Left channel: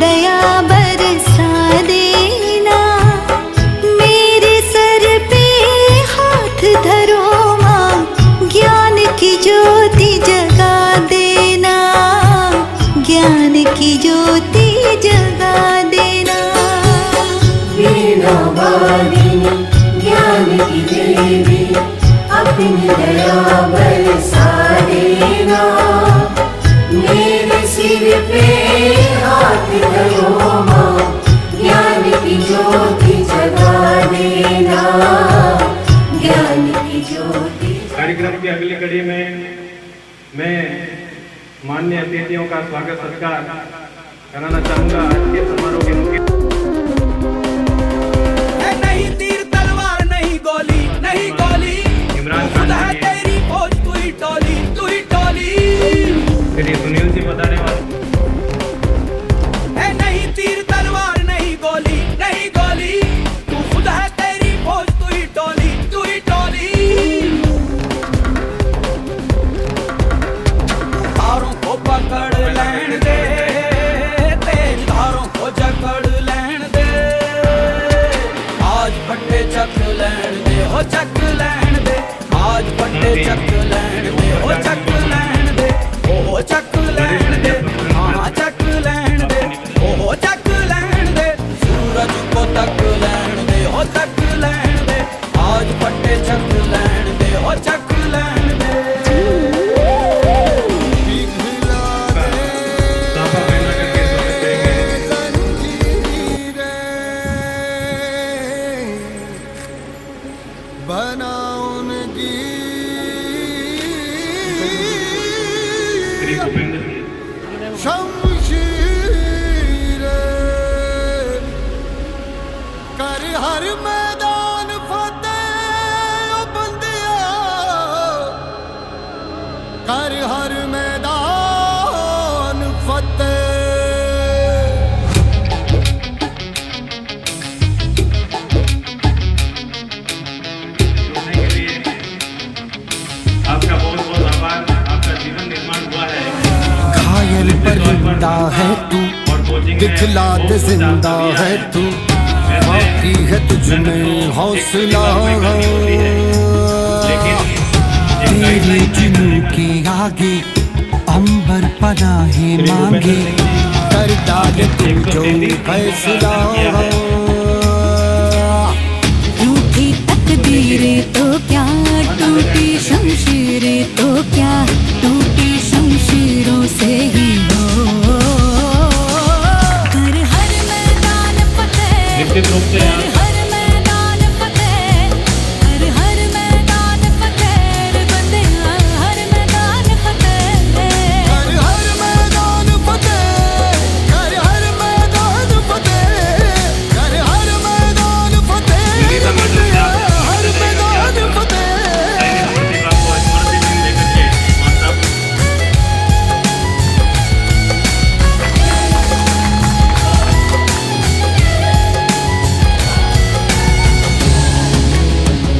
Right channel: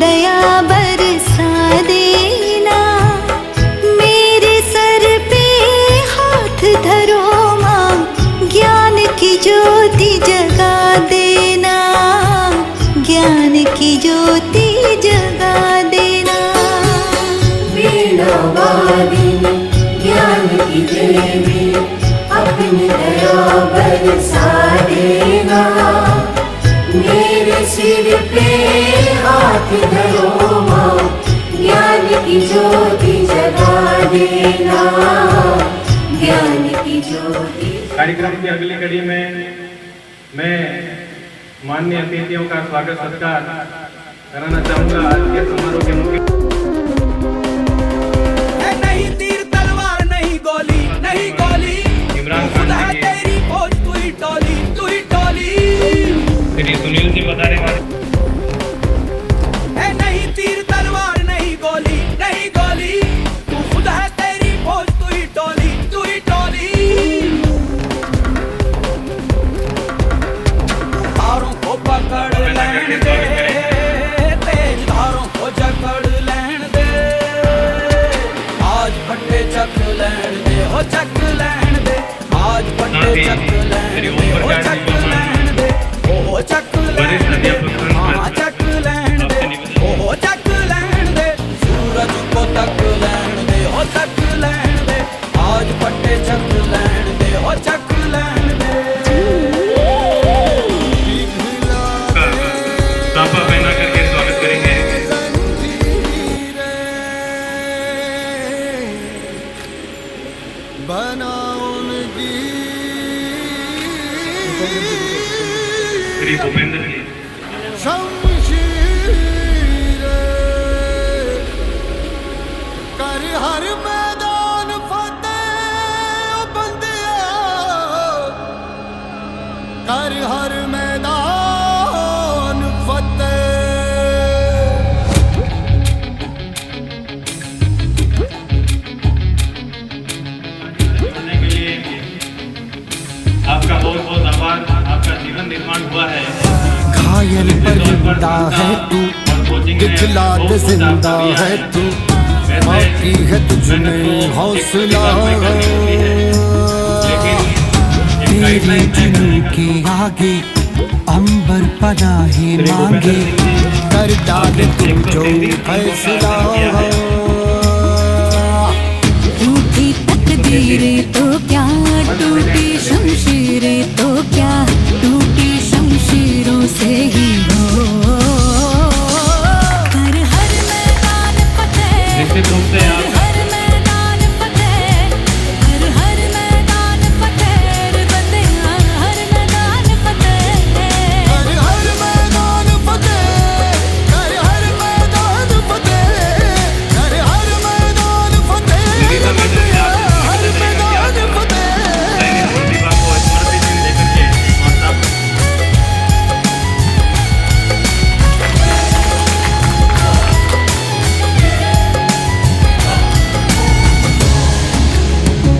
दया बरसा देना। मेरे सर पे हाथ धरो माँ, ज्ञान की ज्योति जगा देना, ज्ञान की ज्योति जगा देना। वीणा वादिनी ज्ञान की देवी, अपनी दया बरसा देना। मेरे सिर पे हाथ धरो माँ, ज्ञान की ज्योति जगा देना, ज्ञान की ज्योति। कार्यक्रम की अगली कड़ी में मैं माननीय अतिथियों का स्वागत सत्कार कराना चाहूँगा। आज के समारोह के मुख्य नहीं तीर तलवार नहीं गोली, नहीं गोली, खुद है तेरी फौज, तू ही टोली, तू ही टोली। श्री सुनील जी बता रहे हैं नहीं तीर तलवार नहीं गोली, नहीं गोली, तू खुद है तेरी फौज, तू ही टोली, तू ही टोली। धारों को पकड़ लेने दे, तेज धारों को जकड़ लेने दे। आज फटे चक लेने दे, हो चक लेने दे। आज फटे चक लेने दे, हो चक लेने दे, हो चक लेने दे। हाँ चक लेने दे, हो चक लेने दे। सूरज को तक लेने दे, हो तक लेने दे। आज फटे चक लेने दे, हो चक लेने दे। साफा पहना करके स्वागत करेंगे। श्री भूपेंद्र जी कर हर मैदान फतेह ओ बंदिया, कर हर मैदान फतेह। जोड़ने के लिए आपका बहुत बहुत आभार। आपका जीवन निर्माण हुआ है। घायल परिंदा है तू, दिखला दे जिंदा है तू, बाकी है तुझमें हौसला। तेरे जुनून के आगे अंबर पनाहे मांगे, कर डाले तू जो फैसला। रूठी तकदीरें तो क्या, टूटी शमशीरें तो क्या, टूटी शमशीरों से ही हो। कर हर मैदान फतेह, कर हर मैदान फतेह, कर हर मैदान फतेह रे बंदिया, हर मैदान फतेह। कर हर मैदान फतेह, कर हर मैदान फतेह, कर हर मैदान फतेह रे बंदिया, हर मैदान फतेह।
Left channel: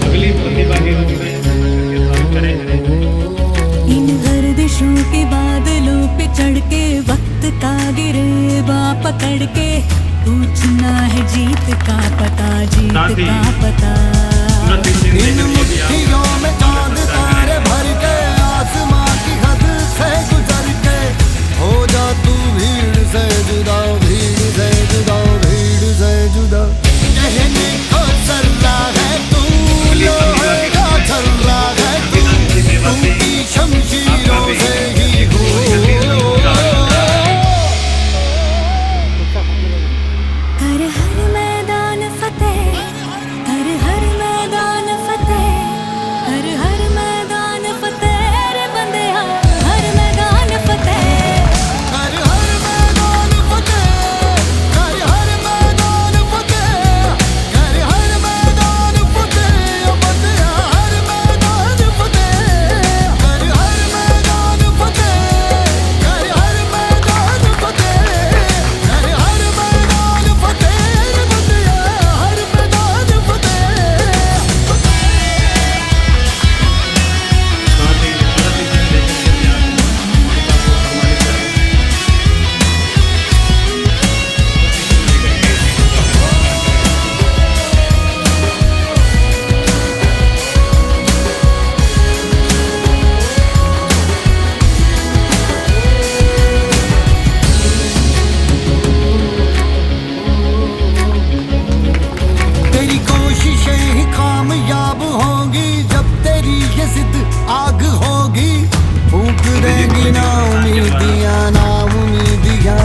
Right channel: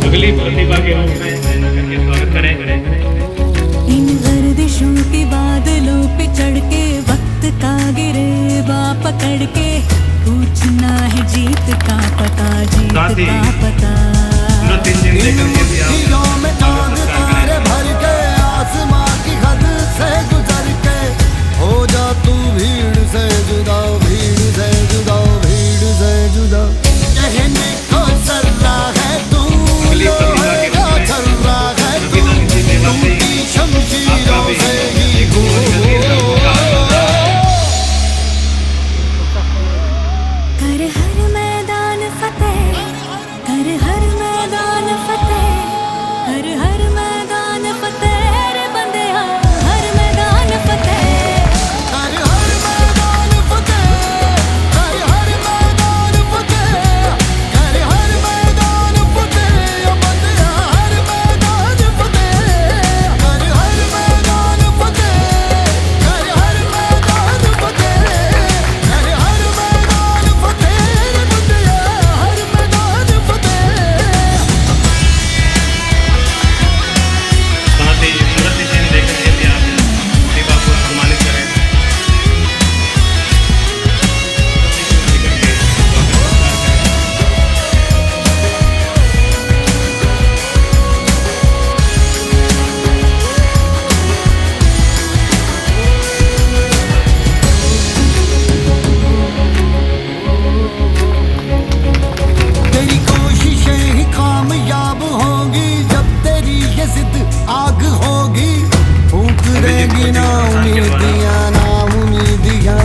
अगली प्रतिभा के रूप में करके स्वागत करें। इन गर्दिशों के बादलों पे चढ़ के, वक्त का गिरेबा पकड़ के, पूछना है जीत का पता, जीत का पता। इन मुट्ठियों में चांद तारे भर के, आसमां की हद से गुजर के, हो जा तू भीड़ से जुदा, भीड़ से जुदा, भीड़ से जुदा। कहने को सर्रा है तू, लोहे का छर्रा है तू, टूटी शमशीरों से ही हो। कर हर मैदान फतेह, कर हर मैदान फतेह, कर हर आग होगी फूक देगी ना उम्मीदियां ना उम्मीदियां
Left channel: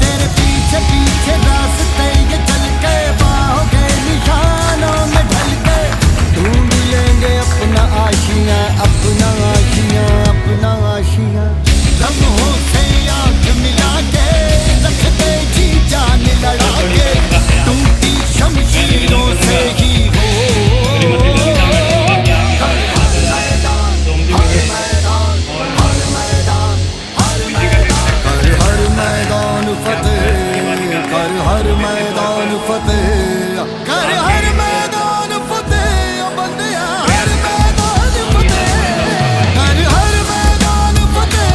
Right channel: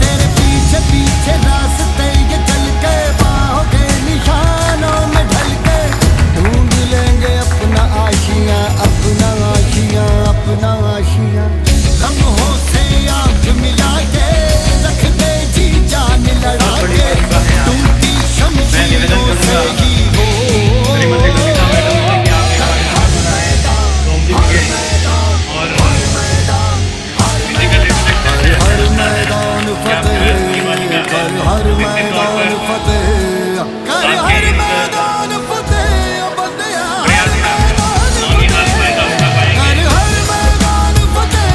तेरे पीछे पीछे रास्ते ये चल के बाहों के निशानों में ढल के ढूंढ लेंगे अपना आशियां अपना आशियां अपना आशियां लम्हों से आंख मिला के रख दे जी जान लड़ा के टूटी शमशीरों से ही हो कर हर मैदान फतेह कर हर मैदान फतेह कर हर मैदान फतेह बंदिया हर मैदान फतेह कर हर मैदान फतेह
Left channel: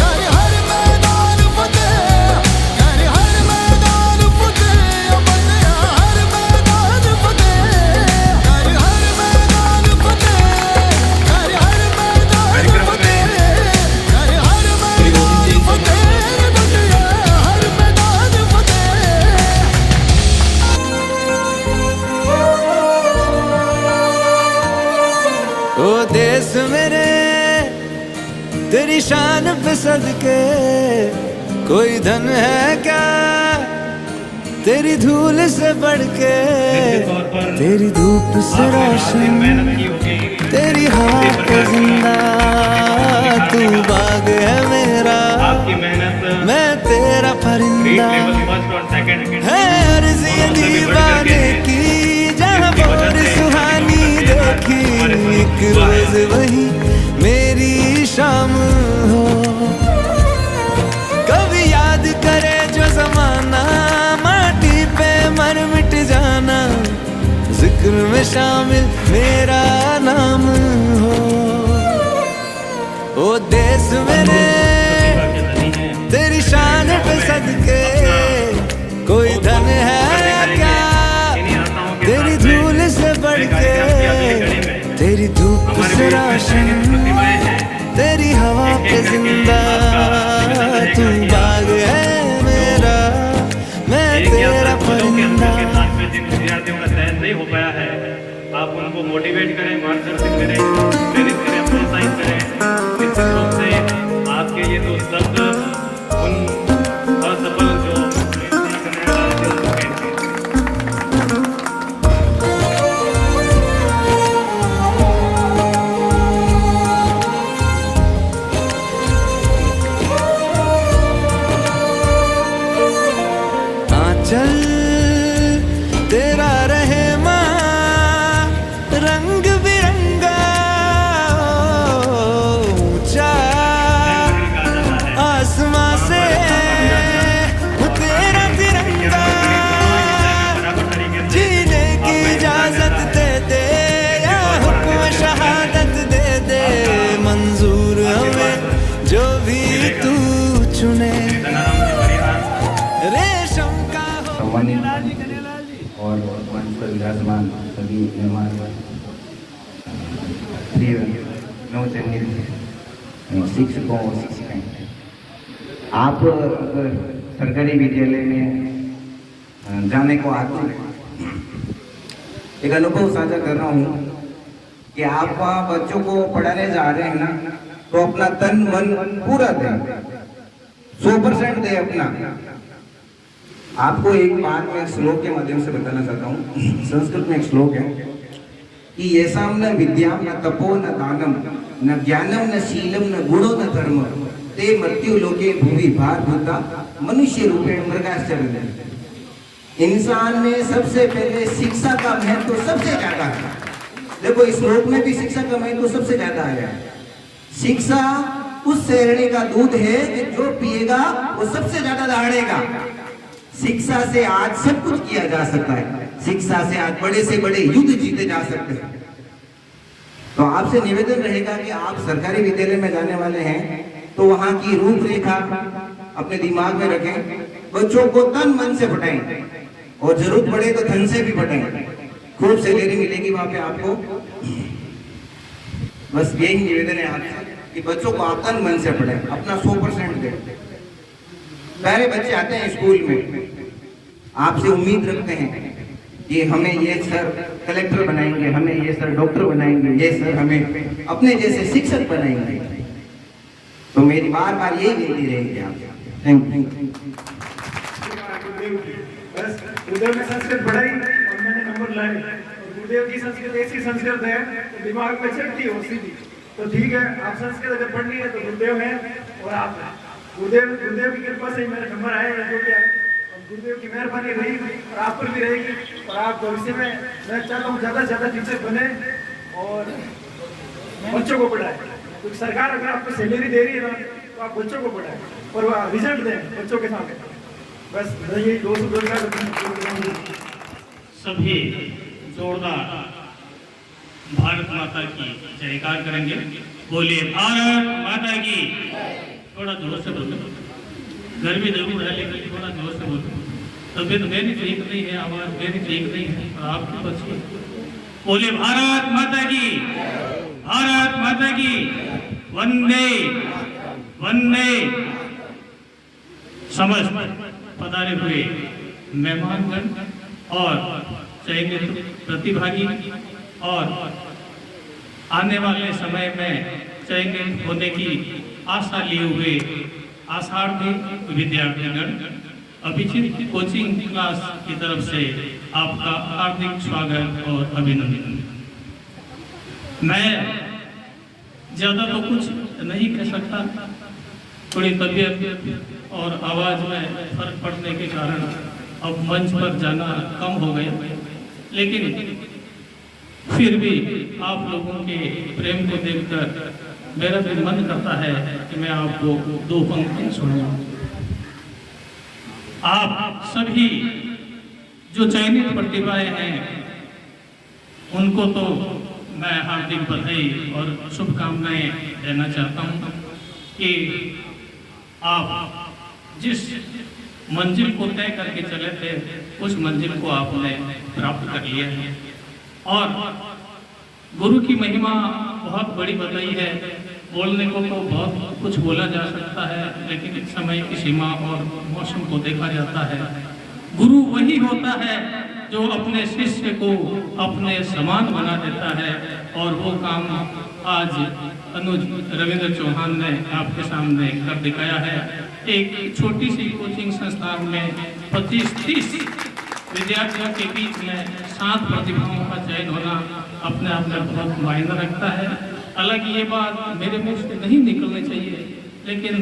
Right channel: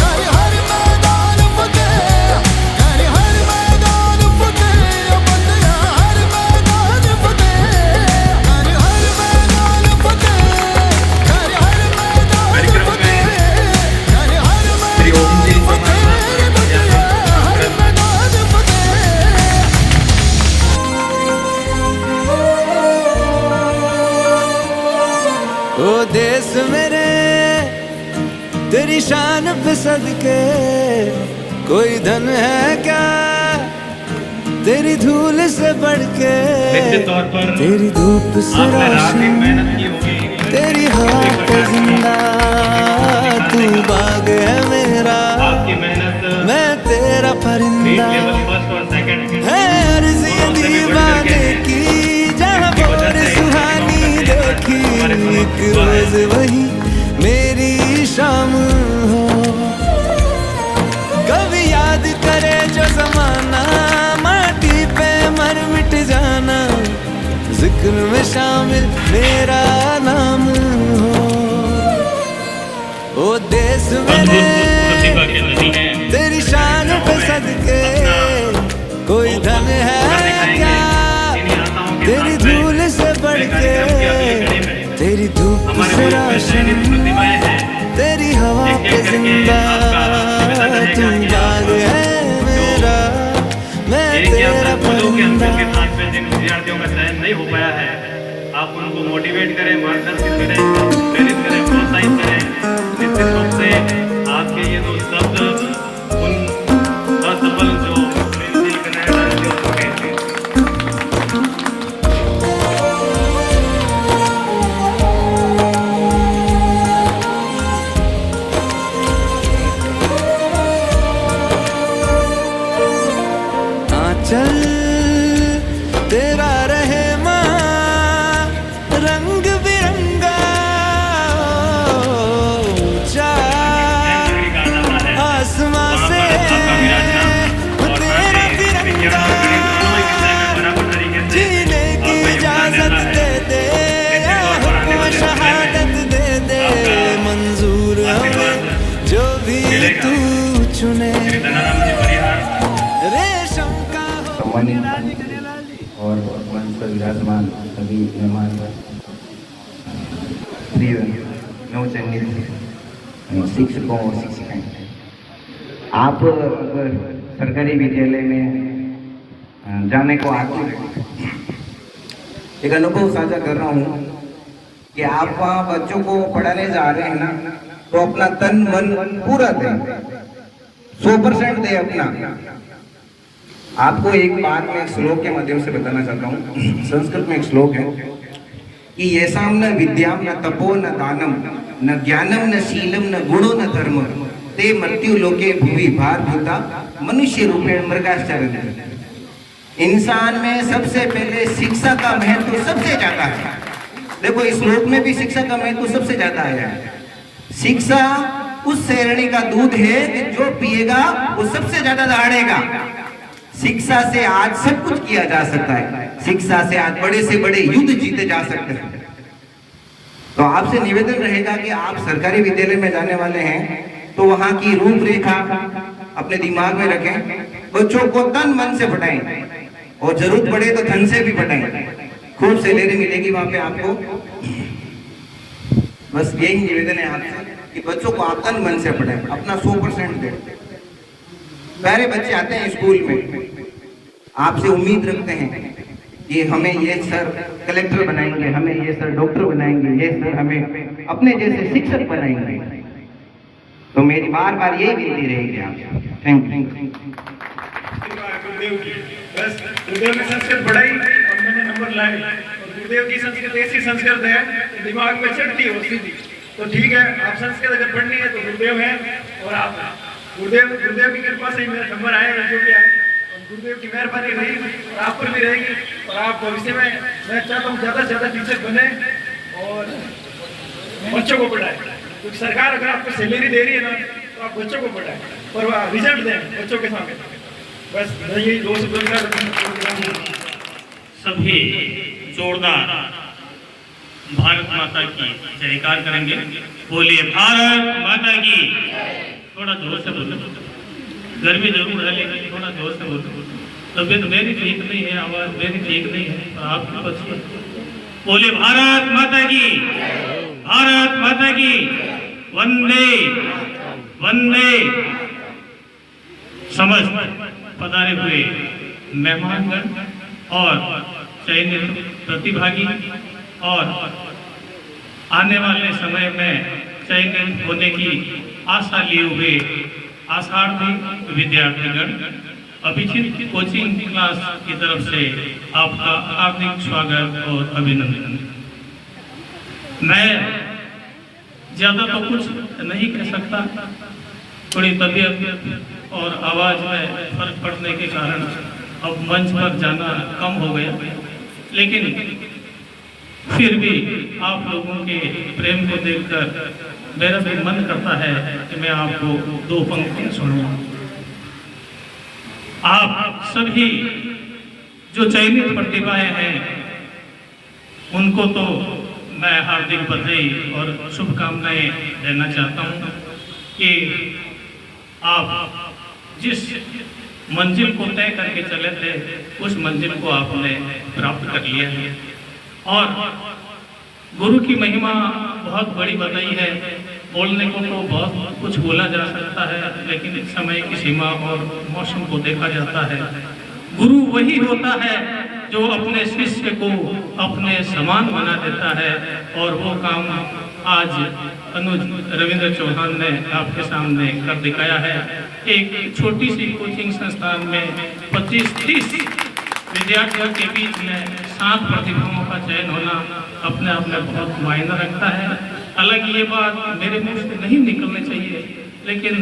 कर हर मैदान फतेह कर हर मैदान फतेह बंदिया हर मैदान फतेह कर हर मैदान फतेह कर हर मैदान फतेह कर हर मैदान फतेह बंदिया हर मैदान फतेह ओ देश मेरे तेरी शान पे सदके कोई धन है क्या तेरी धूल से बढ़ के तेरी धूप से रोशन तेरी हवा पे जिंदा तू बाग है मेरा मैं तेरा परिंदा है अर्ज़ ये दीवाने की जहाँ बोर सुहानी देखी एक रोज वही मेरी शाम हो कभी याद करे जो जमाना माटी पे मर मिट जाना जिक्र में शामिल मेरा नाम हो ओ देश मेरे तेरी शान पे सदके कोई धन है क्या तेरी धूल से बढ़ के तेरी धूप से रोशन तेरी हवा पे जिंदा तू बाग है मेरा मैं तेरा परिंदा। विद्यार्थियों का चयन नहीं हो पाया है, आप उनको मोटिवेट करें, मार्गदर्शन करें, प्रेरित करें, प्रोत्साहित करें। निश्चित रूप से आपके ये दो शब्द उन असफल जो प्रेम नहीं करने वाले को कहते हैं। चल तेरा रहे माँ रंग बिरंगा ऊंचा आसमां से वो तेरा तिरंगा जीने की इजाजत दे दे या हुक्म शहादत दे दे मंजूर हमें जो भी तू चुने रेशम का और मंच पर विराजमान सभी मेहमान प्रिय नवचयनित शिक्षकों और शिक्षिकाएं, आप सरकारी विद्यालय में जाने को आते हैं, एक अनुभव साझा कर रहा हूँ कि आप बच्चों को पढ़ाने जा रहे हैं ना, तो अपना तन मन पूरा दें, 100% दें अपना। आपको एक बात मैं श्लोक के माध्यम से बताना चाहता हूँ। संस्कृत में एक श्लोक है कि येषां न विद्यां न तपो न दानम न ज्ञानम न शीलम न गुणो न धर्म ते मृत्यु लोके भूमि भारभूता मनुष्य रूपेण मृगाश्चरन्ति। इंसान में सबसे पहले शिक्षा का महत्व सबसे ज्यादा है। देखो इस श्लोक में भी शिक्षा का महत्व सबसे ज्यादा है। शिक्षा उस शेरनी का दूध है जो पिएगा वो सबसे ज्यादा दहाड़ेगा। शिक्षा से आज सब कुछ किया जा सकता है, शिक्षा से आज बड़े से बड़े युद्ध जीते जा सकते हैं। तो आपसे निवेदन रहेगा कि आप सरकारी विद्यालय में जाने वाले हैं तो वहां की रूपरेखा अपने दिमाग में रखें, बच्चों को तन मन से पढ़ाएं और जरूरत पड़े तो धन से भी पढ़ाएं। खूब सैलरी मिलेगी वहां पे आपको। बस यही निवेदन है आपसे कि बच्चों को आप तन मन से पढ़ाएं, अपना 100% दें। पहले बच्चे आते हैं स्कूल में, आपसे उम्मीद रखते हैं कि हमें ये सर कलेक्टर बनाएंगे, हमें ये सर डॉक्टर बनाएंगे, ये सर हमें अपने जैसे शिक्षक बनाएंगे। तो मेरी बार बार यही विनती रहेगी आप। Thank you. गुरुदेव की बस गुरुदेव ने संस्कृत पढ़ाई और मैंने नंबर लाए, और गुरुदेव की संस्कृत ऐसी संस्कृत है तो दिमाग में चढ़ती हो सीधी। तो ठीक है, आप संस्कृत अगर पढ़नी है तो गुरुदेव है, और आप गुरुदेव की कृपा से ही मेरे नंबर आए हैं जो भी आए, और गुरुदेव की मेहरबानी रही और आप पर भी रहेगी। और आप भविष्य में मैं चाहता हूँ ज़्यादा से ज़्यादा टीचर बने और बच्चों को पढ़ाए, क्योंकि सरकार अगर आपको सैलरी दे रही है ना तो आप बच्चों को पढ़ाएं और वह रिजल्ट दें बच्चों के सामने। बस यही दो से सभी जोरदार भारत माता की जयकार करेंगे। बोलिए भारत माता की। थोड़ा जोर से बोलो, गर्मी जरूर है लेकिन थोड़ा जोर से बोलो। तबीयत मेरी ठीक नहीं है, आवाज मेरी ठीक नहीं है, और आपकी बच्ची। बोलिए भारत माता की, भारत माता की। वंदे वंदे। समस्त पधारे हुए मेहमानगण और चयनित प्रतिभागी और आने वाले समय में चयनित होने की आशा लिए हुए आशार्थी विद्यार्थीगण, अभिजीत कोचिंग क्लास की तरफ से आपका हार्दिक स्वागत और अभिनंदन। मैं ज़्यादा तो कुछ नहीं कह सकता, थोड़ी तबीयत और आवाज़ में फर्क पड़ने के कारण अब मंच पर जाना कम हो गया, लेकिन फिर भी आप लोगों के प्रेम को देखकर मेरा भी मन करता है कि मैं आपको दो पंक्तियां सुनाऊं। आप सभी जो चयनित प्रतिभाएं हैं उनको तो मैं हार्दिक बधाई और शुभकामनाएं देना चाहता हूं कि आप जिस मंजिल को तय करके चले थे उस मंजिल को आपने प्राप्त कर लिया है। और गुरु की महिमा बहुत बड़ी बताई है। बोलने को तो बहुत कुछ बोला जा सकता है, लेकिन समय की सीमा और मौसम को देखा जाता है। गुरु वही होता है जो अपने शिष्य को अपने समान बना देता है, और वो काम आज अनुज रविंद्र चौहान ने आपके सामने कर दिखाया है। एक छोटी सी कोचिंग संस्थान में 25-30 विद्यार्थियों के बीच में 7 प्रतिभाओं का चयन होना अपने आप में बहुत मायने रखता है। हालांकि ये बात मेरे मुंह से नहीं निकलनी चाहिए, लेकिन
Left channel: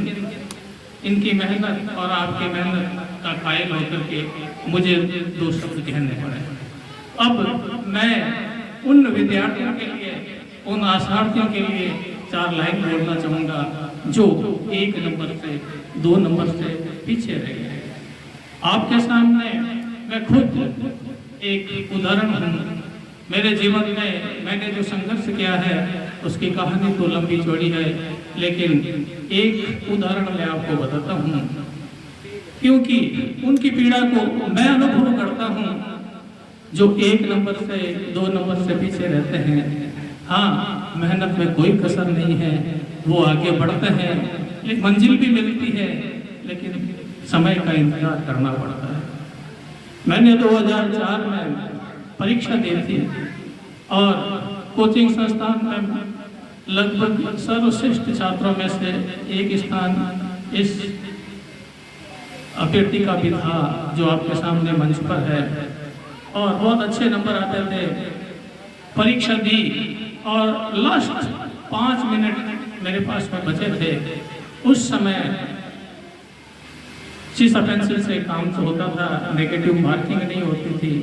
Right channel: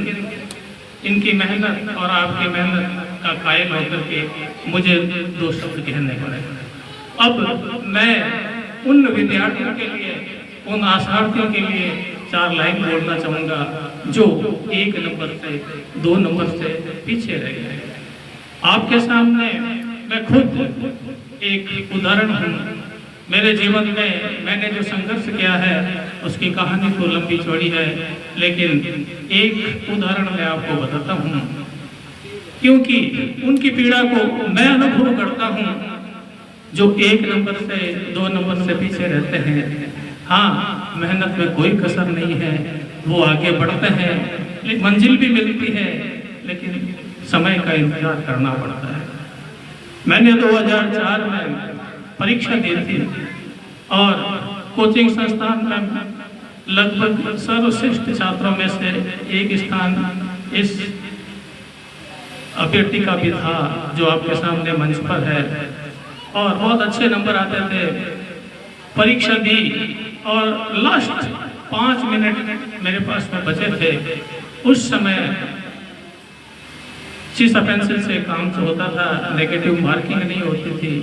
इनकी मेहनत और आपकी मेहनत का कायल होकर के मुझे 2 शब्द कहने पड़े। अब मैं उन विद्यार्थियों के लिए, उन आशार्थियों के लिए 4 लाइन बोलना चाहूँगा जो 1 नंबर से 2 नंबर से पीछे रह गए। आपके सामने मैं खुद एक उदाहरण हूँ। मेरे जीवन में मैंने जो संघर्ष किया है उसकी कहानी तो लंबी चौड़ी है, लेकिन एक उदाहरण मैं आपको बताता हूँ, क्योंकि उनकी पीड़ा को मैं अनुभव करता हूँ जो 1 नंबर से 2 नंबर से पीछे रहते हैं। हाँ, मेहनत में कोई कसर नहीं है, वो आगे बढ़ते हैं, मंजिल भी मिलती है, लेकिन समय का इंतजार करना पड़ता है। मैंने 2004 में परीक्षा दी थी और कोचिंग संस्थान में लगभग सर्वश्रेष्ठ छात्रों में से एक स्थान इस अभ्यर्थी का भी था जो आपके सामने मंच पर है, और बहुत अच्छे नंबर आते थे। परीक्षा दी और लास्ट 5 मिनट मेरे पास में बचे थे। उस समय चीसा पेंसिल से काम तो होता था, नेगेटिव मार्किंग नहीं होती थी।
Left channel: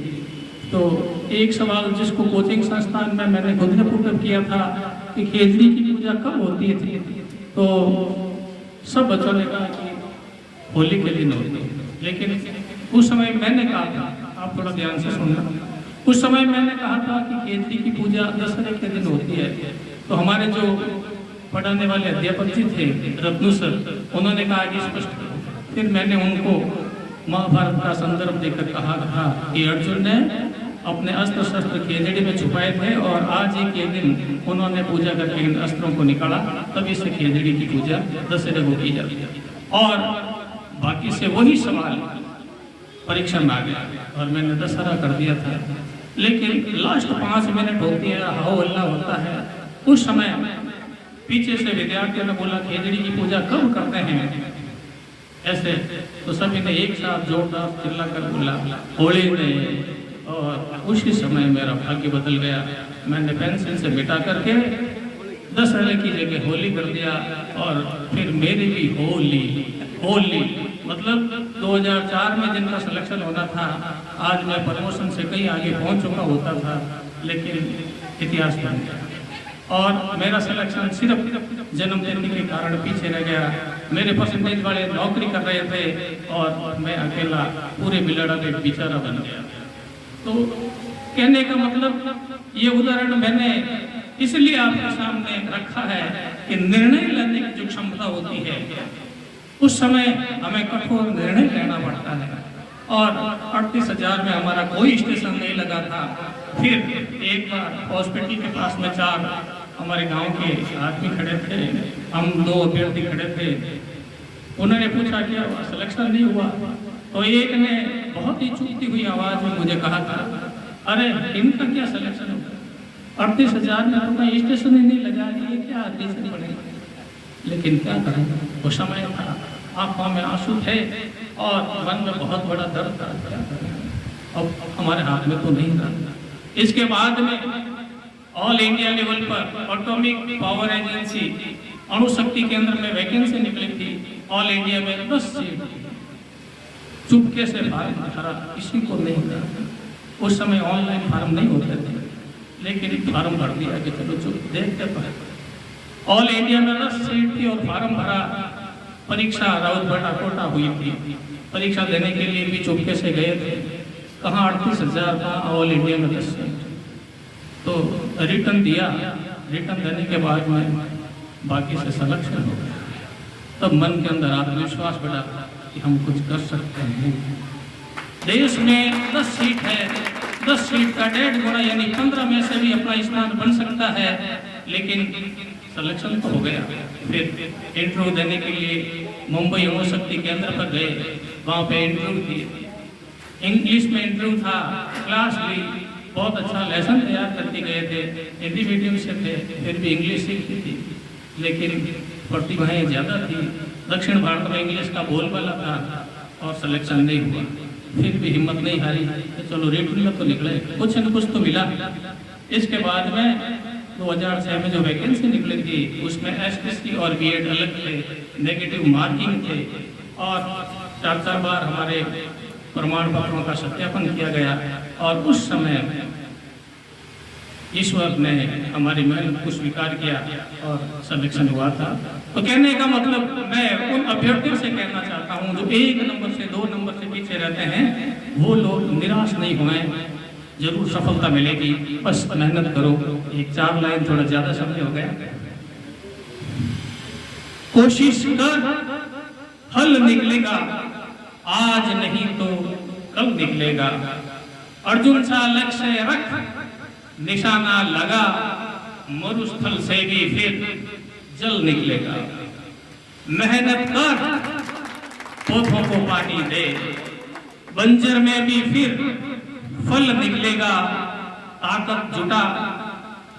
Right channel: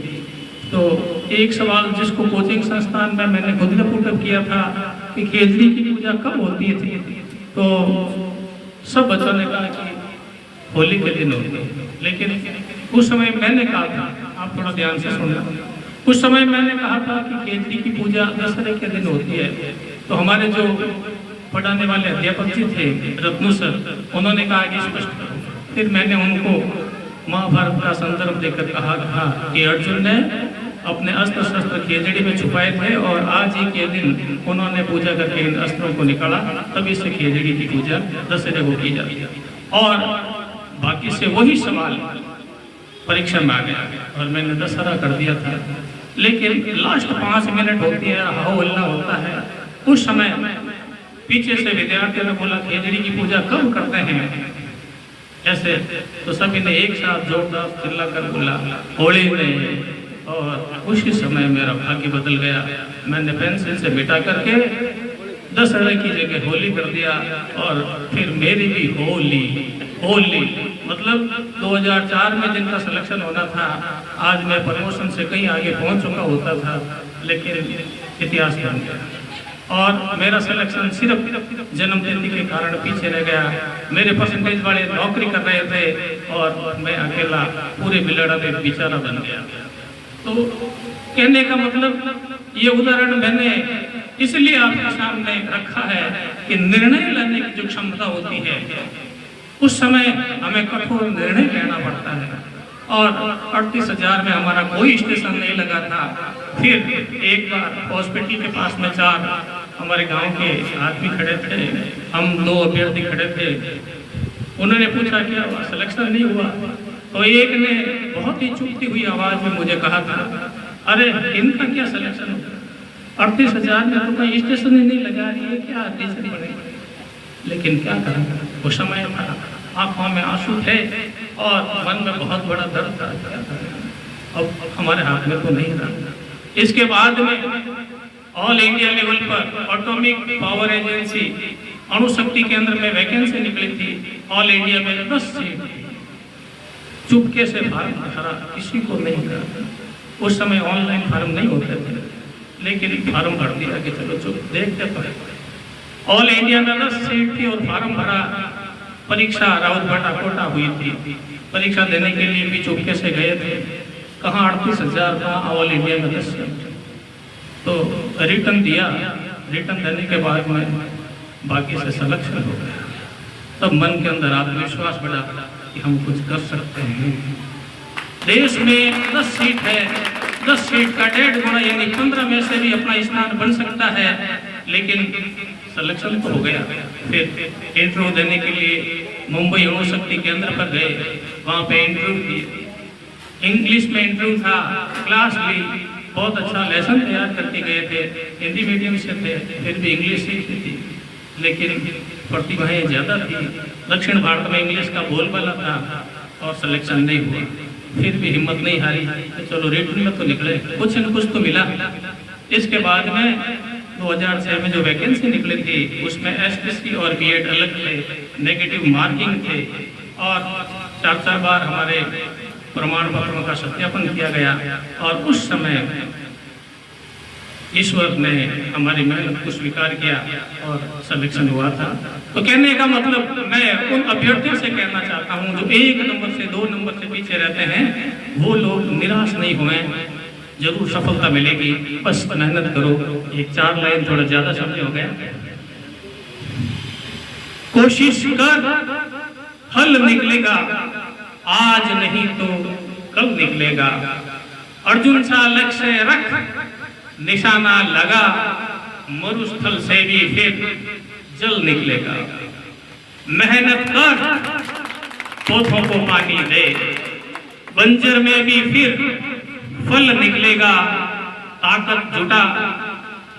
तो एक सवाल जिसको कोचिंग संस्थान में मैंने खुद ने पुटअप किया था कि केजरी की पूजा कब होती थी, तो सब बच्चों ने कहा कि होली के दिन होती है। लेकिन उस समय मैंने कहा था, आप थोड़ा ध्यान से सुनना, उस समय मैंने कहा था कि केजरी की पूजा दशहरे के दिन होती है। तो हमारे जो पढ़ाने वाले अध्यापक जी थे रत्नू सर, उन्होंने कहा कि स्पष्ट। फिर मैंने उनको महाभारत का संदर्भ देकर कहा था कि अर्जुन ने अपने अस्त्र शस्त्र खेजड़ी में छुपाए थे और आज ही के दिन उन्होंने पूजा करके इन अस्त्रों को निकाला, तभी से खेजड़ी की पूजा दशहरे को की जाती है। और बाकी से वही सवाल परीक्षा में आ गया और मैंने दशहरा कर दिया था। लेकिन लास्ट 5 मिनट होती है, हो हल्ला होता है, उस समय पीछे से विद्यार्थियों ने बोला खेजड़ी की पूजा कब करते हैं ऐसे, तो सभी ने एक साथ जोरदार चिल्ला कर बोला होली में। और उसी समय मेरा भाग्य बदल गया, मैंने पेंसिल से मिटा करके दशहरे की जगह होली कर दिया, और फिर मेरी भी होली मतलब 2004 में जिनका सिलेक्शन होना था, आज मैं प्रमोशन से कहीं आगे पहुंच चुका होता था, लेकिन इतिहास बन गया और मेरा सिलेक्शन सिर्फ जन्मतिथि के कारण पीछे रह गया। मेरे परसेंटेज वाले नौकरी कर रहे थे और मैं अकेला पूरे बिलड़ा में बेचारा बन गया। तो कहने का मतलब ये उदाहरण मैंने इसलिए आपके सामने रखा है कि निर्णय लेने की जो क्षमता होती है, उस समय हमें कठोर निर्णय लेना पड़ता है। और 38,000 में हमारा कोई स्टेशन नहीं लगा था। फिर एक बार हॉस्पिटल के पास में 4 हमारे गांव के आदमी खड़े थे, हम 2 अभ्यर्थी खड़े थे। उन्होंने पूछा कि सिलेक्शन नहीं हुआ, तो एक ने बहुत ही चुभती हुई आवाज में मुझे कहा था, अरे इनका क्या सिलेक्शन होगा, 38,000 में तो कोई स्टेशन ही नहीं लगा रही है, क्या आदेश पड़े। लेकिन क्या करूँ, वो समय था, आंखों में आंसू थे और मन में बहुत बड़ा दर्द था। अब हमारे हाथ में तो नहीं रहा। इसके बाद में ऑल इंडिया लेवल पर एटॉमिक पावर एजेंसी अणुशक्ति केंद्र में वैकेंसी निकली थी, ऑल इंडिया में 10 सीट। चुपके से फार्म भरा, किसी को नहीं था। उस समय ऑनलाइन फार्म नहीं होते थे, लेकिन फार्म भर दिया कि चलो चुप देखते पड़े। ऑल इंडिया में 10 सीट थी और फार्म भरा। परीक्षा राउतभाटा कोटा हुई थी, परीक्षा देने के लिए भी चुपके से गए थे। कहाँ 38,000 का, ऑल इंडिया में 10 सीट। तो रिटर्न दिया, रिटर्न देने के बाद में बाकी से सिलेक्शन हो गया। तब मन के अंदर आत्मविश्वास बढ़ा कि हम कुछ कर सकते हैं। देश में 10 सीट है, 10 सीट का 1.5 गुना यानी 15 में से भी अपना स्थान बन सकता है, लेकिन सिलेक्शन तो हो गया। फिर इंटरव्यू देने के लिए मुंबई अणुशक्ति केंद्र पर गए, वहाँ पे इंटरव्यू दिए। इंग्लिश में इंटरव्यू था, क्लास ली, बहुत अच्छा लेसन तैयार करके गए थे। हिंदी मीडियम से थे, फिर भी इंग्लिश सीखती थी, लेकिन प्रतिभाएं ज़्यादा थी। दक्षिण भारत में इंग्लिश का बोलबाला था और सिलेक्शन नहीं हुआ। फिर भी हिम्मत नहीं हारी, चलो रिटर्न में तो निकले, कुछ न कुछ तो मिला। इसके बाद में 2006 में जो वैकेंसी निकली थी, उसमें एसटीसी और बीएड अलग थे, नेगेटिव मार्किंग थे और 4 बार हमारे प्रमाण पत्रों का सत्यापन किया गया। और उस समय ईश्वर ने हमारी मेहनत को स्वीकार किया और सिलेक्शन हुआ था। तो कहने का मतलब मैं उन अभ्यर्थियों से कहना चाहता हूं जो 1 नंबर से 2 नंबर से पीछे रहते हैं, वो लोग निराश नहीं हुए, जरूर सफलता मिलेगी, बस मेहनत करो। एक 4 लाइन थोड़ा ज्यादा समय हो गया। कोशिश कर, फल निकलेगा, आज नहीं तो कल निकलेगा। अर्जुन सा लक्ष्य रख, निशाना लगा, मरुस्थल से भी फिर जल निकलेगा। मेहनत कर, पौधों को पानी दे, बंजर में भी फिर फल निकलेगा। ताकत जुटा,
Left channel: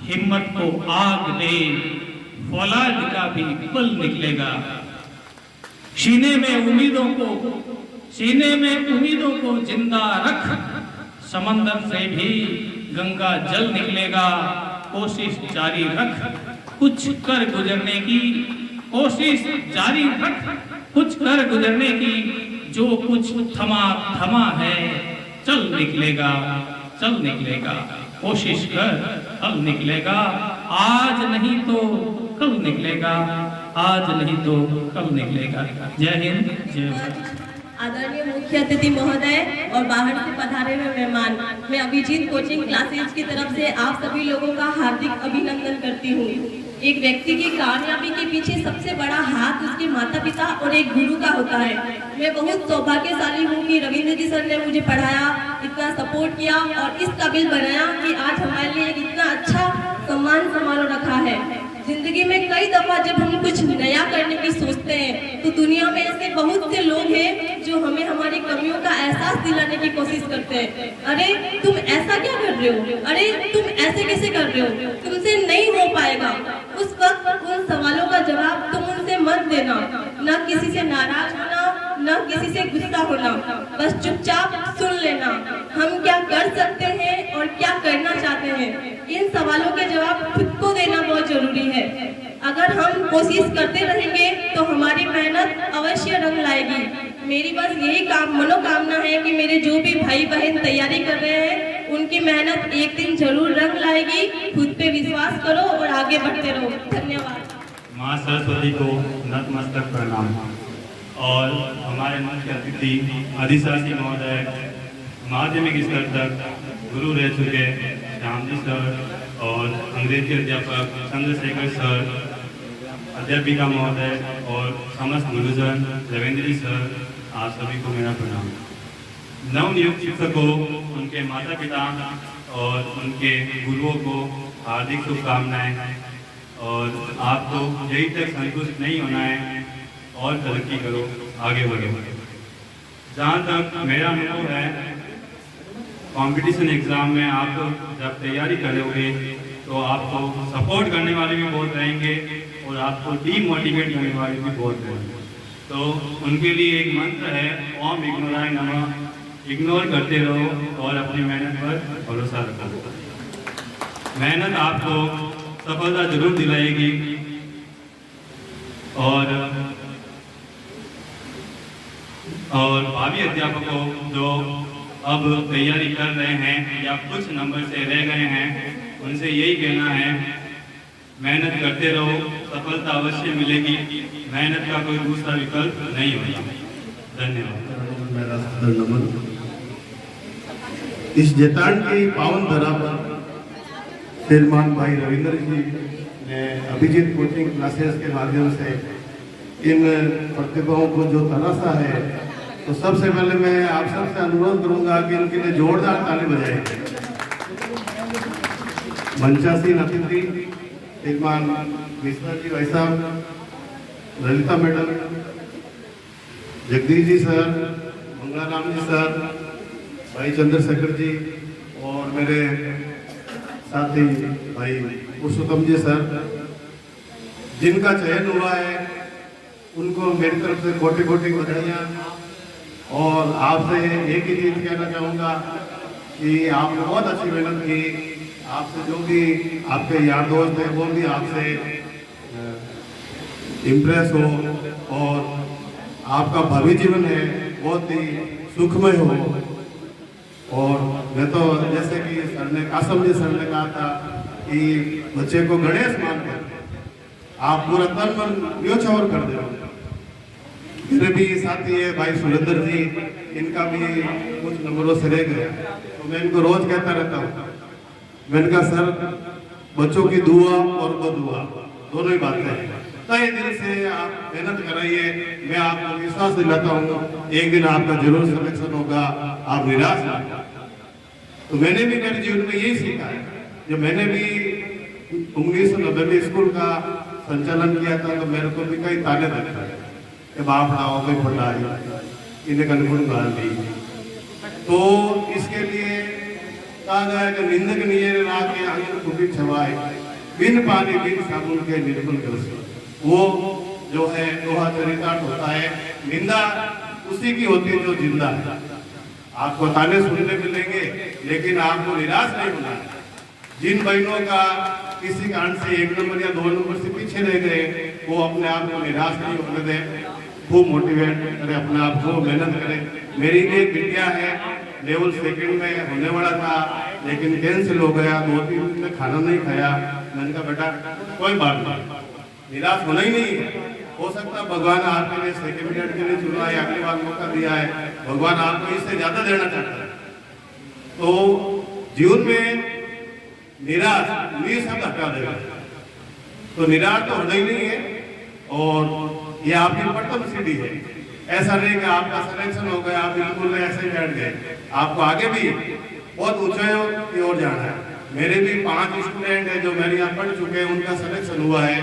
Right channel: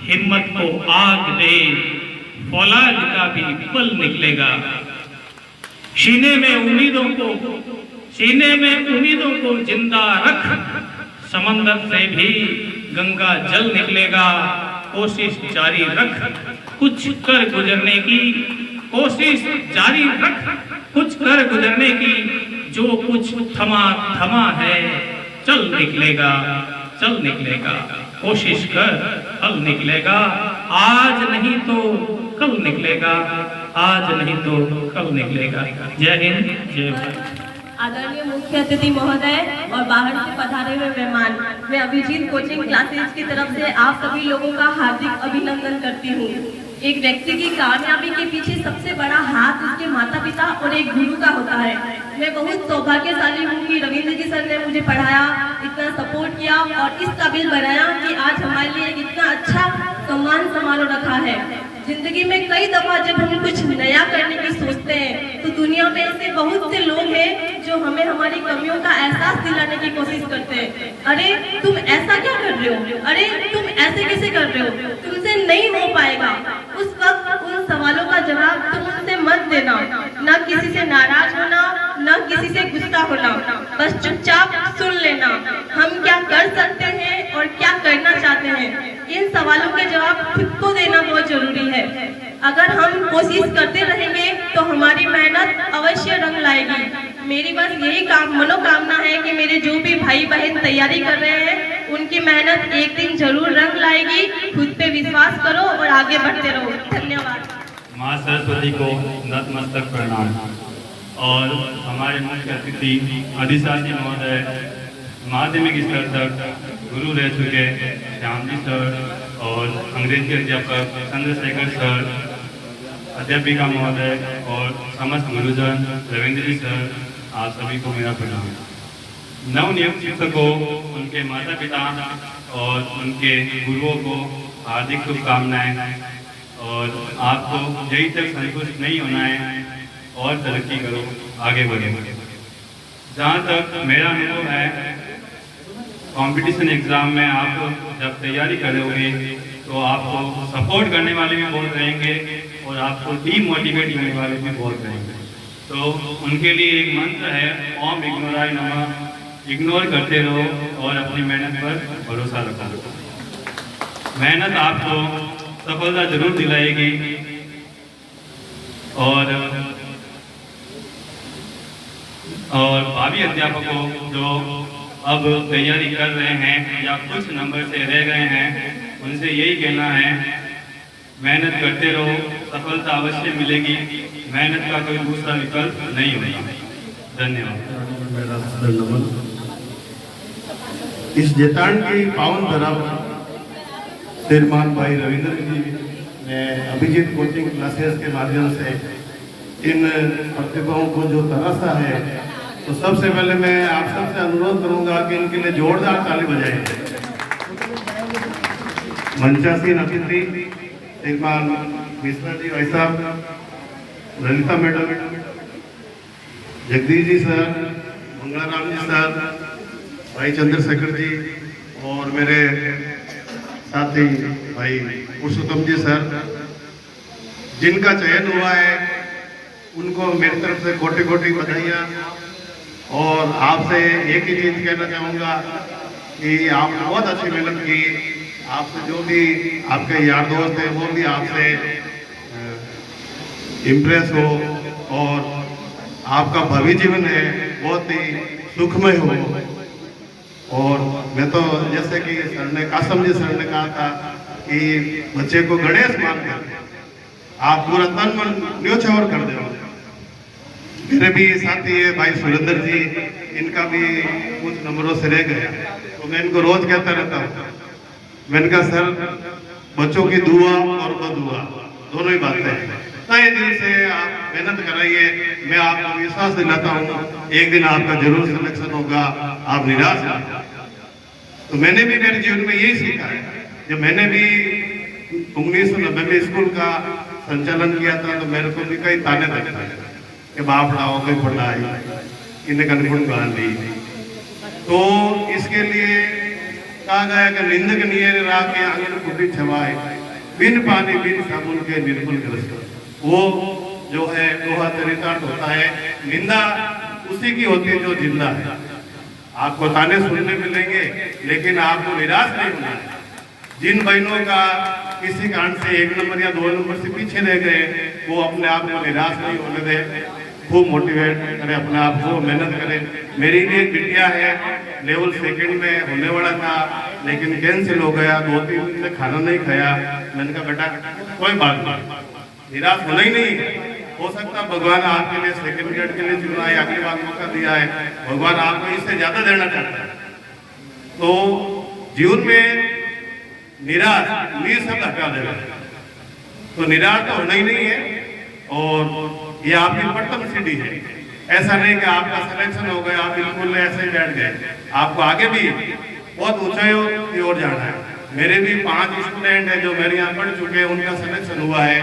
हिम्मत को आग दे, फौलाद का भी बल निकलेगा। सीने में उम्मीदों को जिंदा रख, समंदर से भी गंगा जल निकलेगा। कोशिश जारी रख, कुछ कर गुजरने की, कोशिश जारी रख, कुछ कर गुजरने की। जो कुछ थमा थमा है, चल निकलेगा, चल निकलेगा। कोशिश कर, फल निकलेगा, आज नहीं तो कल निकलेगा, आज नहीं तो कल निकलेगा। जय हिंद, जय भारत। आदरणीय मुख्य अतिथि महोदय और बाहर से पधारे हुए मेहमान, मैं अभिजीत कोचिंग क्लासेज की तरफ से आप सभी लोगों का हार्दिक अभिनंदन करती हूँ। एक व्यक्ति की कामयाबी के पीछे सबसे बड़ा हाथ उसके माता पिता और एक गुरु का होता है। मैं बहुत सौभाग्यशाली हूँ कि रविंद्र जी सर ने मुझे पढ़ाया, इतना सपोर्ट किया और इस काबिल बनाया कि आज हमारे लिए इतना अच्छा सम्मान समारोह रखा है। जिंदगी में कई दफा जब हम कुछ नया करने की सोचते हैं तो दुनिया में ऐसे बहुत से लोग हैं जो हमें हमारी कमियों का एहसास दिलाने की कोशिश करते हैं। अरे तुम ऐसा क्या कर रहे हो, अरे तुम ऐसे कैसे कर रहे हो, तुमसे नहीं हो पाएगा। उस वक्त उन सवालों का जवाब तुम उनसे मत देना, न किसी से नाराज होना, न किसी से गुस्सा होना, बस चुपचाप सुन लेना हम क्या कर सकते हैं और क्या करना चाहते हैं। इन सवालों के जवाब खुद को देना बहुत जरूरी है। अगर हम कोशिश करते रहेंगे तो हमारी मेहनत अवश्य रंग लाएगी। मेरी बस यही मनोकामना है कि मेरे जो भी भाई बहन तैयारी कर रहे हैं उनकी मेहनत एक दिन जरूर रंग लाएगी। खुद पे विश्वास करो और आगे बढ़ते रहो। धन्यवाद। माँ सरस्वती को नतमस्तक प्रणाम। और हमारे मुख्य अतिथि अधिशासी महोदय, माध्यमिक स्तर तक गुरु रह चुके श्याम जी सर और अंग्रेजी अध्यापक चंद्रशेखर सर, अध्यापिका महोदय और समस्त गुरुजन, रविंद्र जी सर, आप सभी को मेरा प्रणाम। नवनियुक्त शिक्षकों, उनके माता पिता और उनके गुरुओं को हार्दिक शुभकामनाएं। और आपको यही तक संतुष्ट नहीं होना है और तरक्की करो, आगे बढ़ो। जहाँ तक मेरा अनुभव है, कंपटीशन एग्जाम में आप जब तैयारी करोगे तो आपको सपोर्ट करने वाले भी बहुत रहेंगे और आपको डीमोटिवेट करने वाले भी बहुत रहेंगे। तो उनके लिए एक मंत्र है, ओम इग्नोराय नमः। इग्नोर करते रहो और अपनी मेहनत पर भरोसा रखो। मेहनत आपको सफलता जरूर दिलाएगी। और भावी अध्यापकों जो अब तैयारी कर रहे हैं या कुछ नंबर से रह गए हैं, उनसे यही कहना है, मेहनत करते रहो, सफलता अवश्य मिलेगी। मेहनत का कोई दूसरा विकल्प नहीं होगा। धन्यवाद। इस जेतान की पावन धरा पर श्रीमान भाई रविंद्र जी ने अभिजीत कोचिंग क्लासेस के माध्यम से इन प्रतिभाओं को जो तलाशा है, तो सबसे पहले मैं आप सबसे अनुरोध करूंगा कि इनके लिए जोरदार ताली बजाएं। मंचासीन अतिथि श्रीमान मिश्रा जी भाई साहब, ललिता मैडम, जगदीश जी सर, मंगलाराम जी सर, भाई चंद्रशेखर जी और मेरे साथी भाई पुरुषोत्तम जी सर, जिनका चयन हुआ है उनको मेरी तरफ से कोटि कोटि बधाइयाँ। और आपसे एक ही चीज कहना चाहूँगा कि आपने बहुत अच्छी मेहनत की। आपसे जो भी आपके यार दोस्त हैं वो भी आपसे इम्प्रेस हो और आपका भविष्य जीवन है बहुत ही सुखमय हो। और मैं तो जैसे कि आसम जी सर ने कहा था कि बच्चे को गणेश मानकर आप पूरा तन मन न्योछावर कर दो। मेरे भी साथी है भाई सुरेंद्र जी, इनका भी कुछ नंबरों से रह गया, तो मैं इनको रोज कहता रहता हूँ, मैंने कहा सर बच्चों की दुआ और बदुआ दोनों ही बातें हैं। तय दिल से आप मेहनत कराइए, मैं आपको विश्वास दिलाता हूँ एक दिन आपका जरूर सिलेक्शन होगा, आप निराश ना हो। तो मैंने भी मेरे जीवन में यही सीखा है। जब मैंने भी 1990 में स्कूल का संचालन किया था तो मेरे को भी कई ताने बने थे कि बाप लाओगे पढ़ाई इन्हें कन्फर्म करा ली। तो इसके लिए कहा गया कि निंदक नियर राके आंगन खुदी छवाए, बिन पानी बिन साबुन के निर्मल ग्रस्त। वो जो है दोहा चरितार्थ होता है, निंदा उसी की होती है जो जिंदा है। आपको ताने सुनने मिलेंगे लेकिन आपको निराश नहीं होना है। जिन बहनों का किसी कारण से 1 नंबर या 2 नंबर से पीछे रह गए, वो अपने आप को निराश नहीं होने दें, खूब मोटिवेट करें, अपने आप को मेहनत करें। मेरी एक बिटिया है, लेवल 2 में होने वाला था लेकिन कैंसिल हो गया, 2-3 दिन में खाना नहीं खाया। मैंने कहा बेटा कोई बात नहीं, निराश होना ही नहीं है। हो सकता भगवान आपके लिए 2nd ग्रेड के लिए चुना है, अगली बार मौका दिया है, भगवान आपको इससे ज्यादा देना चाहता है। तो जीवन में निराश शब्द हटा देगा, तो निराश तो होना ही नहीं है। और ये आपकी प्रथम सीढ़ी है। ऐसा नहीं कि आपका सिलेक्शन हो गया आप बिल्कुल ऐसे ही बैठ गए, आपको आगे भी बहुत ऊंचाइयों की ओर जाना है। मेरे भी 5 स्टूडेंट हैं जो मेरे यहाँ पढ़ चुके हैं, उनका सिलेक्शन हुआ है।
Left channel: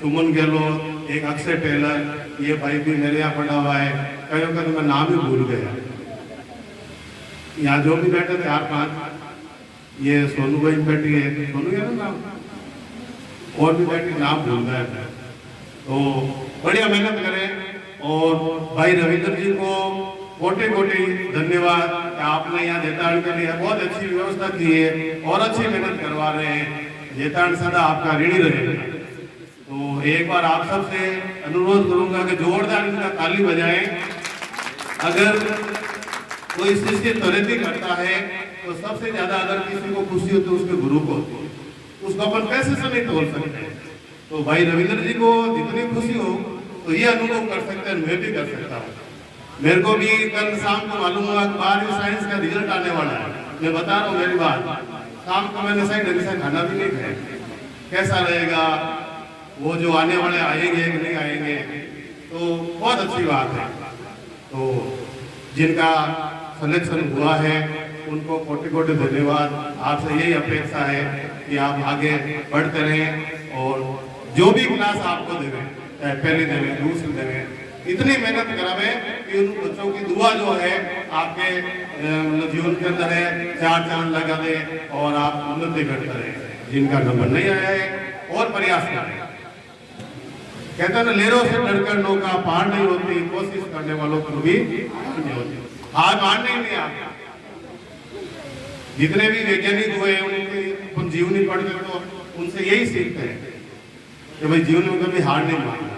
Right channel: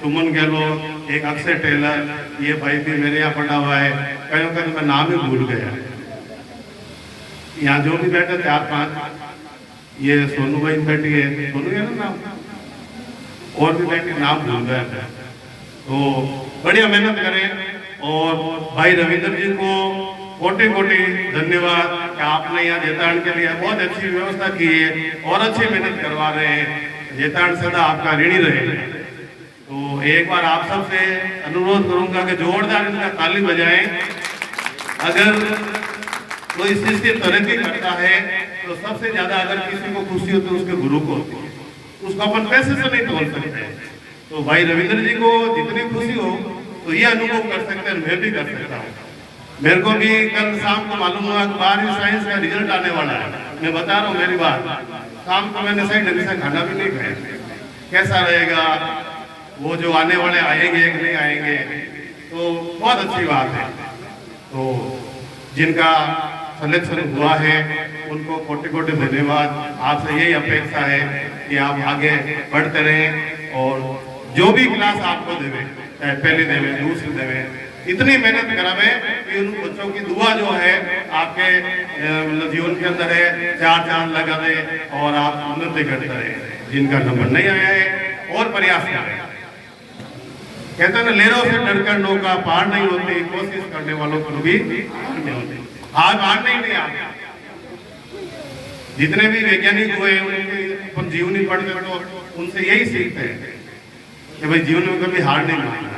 सुमन गहलोत, एक अक्षय टेलर, ये भाई भी मेरे यहाँ पढ़ा हुआ है। कहीं कहीं मैं नाम ही भूल गया। यहाँ जो भी बैठे 4-5, ये सोनू भाई बैठी है, सोनू है ना नाम, और भी बैठी, नाम भूल गया था। तो बढ़िया मेहनत करें। और भाई रविंद्र जी को कोटि कोटि धन्यवाद कि आपने यहाँ जेताण के लिए बहुत अच्छी व्यवस्था की है और अच्छी मेहनत करवा रहे हैं। जेताण सदा आपका ऋणी रहे। तो एक बार आप सबसे अनुरोध करूंगा कि जोरदार इनका ताली बजाएं। अगर कोई शिष्य तरक्की करता है तो सबसे ज्यादा अगर किसी को खुशी होती है उसके गुरु को होती है, उसको अपन पैसे से नहीं तोड़ सकते। तो भाई रविंद्र जी को जितनी खुशी हो तो ये अनुभव कर सकते हैं, मैं भी कर सकता हूँ। मेरे को भी कल शाम को मालूम हुआ 12वीं साइंस का रिजल्ट आने वाला है। मैं बता रहा हूँ मेरी बात, शाम को मैंने सही ढंग से खाना भी नहीं खाया। कैसा रहेगा वो जो आने वाले आएंगे कि नहीं आएंगे, तो बहुत अच्छी बात है। तो जिनका सिलेक्शन हुआ है उनको कोटि कोटि धन्यवाद। आपसे यही अपेक्षा है कि आप आगे बढ़ते रहें और जो भी क्लास आपको देवे, चाहे पहली देवे दूसरी देवे, इतनी मेहनत करावे कि उन बच्चों की दुआ जो है आपके जीवन के अंदर है 4 चांद लगा दे और आप उन्नति करते रहे। जिनका नंबर नहीं आया है और प्रयास करें। कहते हैं लेरों से डरकर नौका पार नहीं होती, कोशिश करने वालों को भी नहीं होती। हार मानना ही नहीं आता। जितने भी वैज्ञानिक हुए उनके जीवनी पढ़ते तो उनसे यही सीखते हैं कि भाई जीवन में कभी हार नहीं मानना।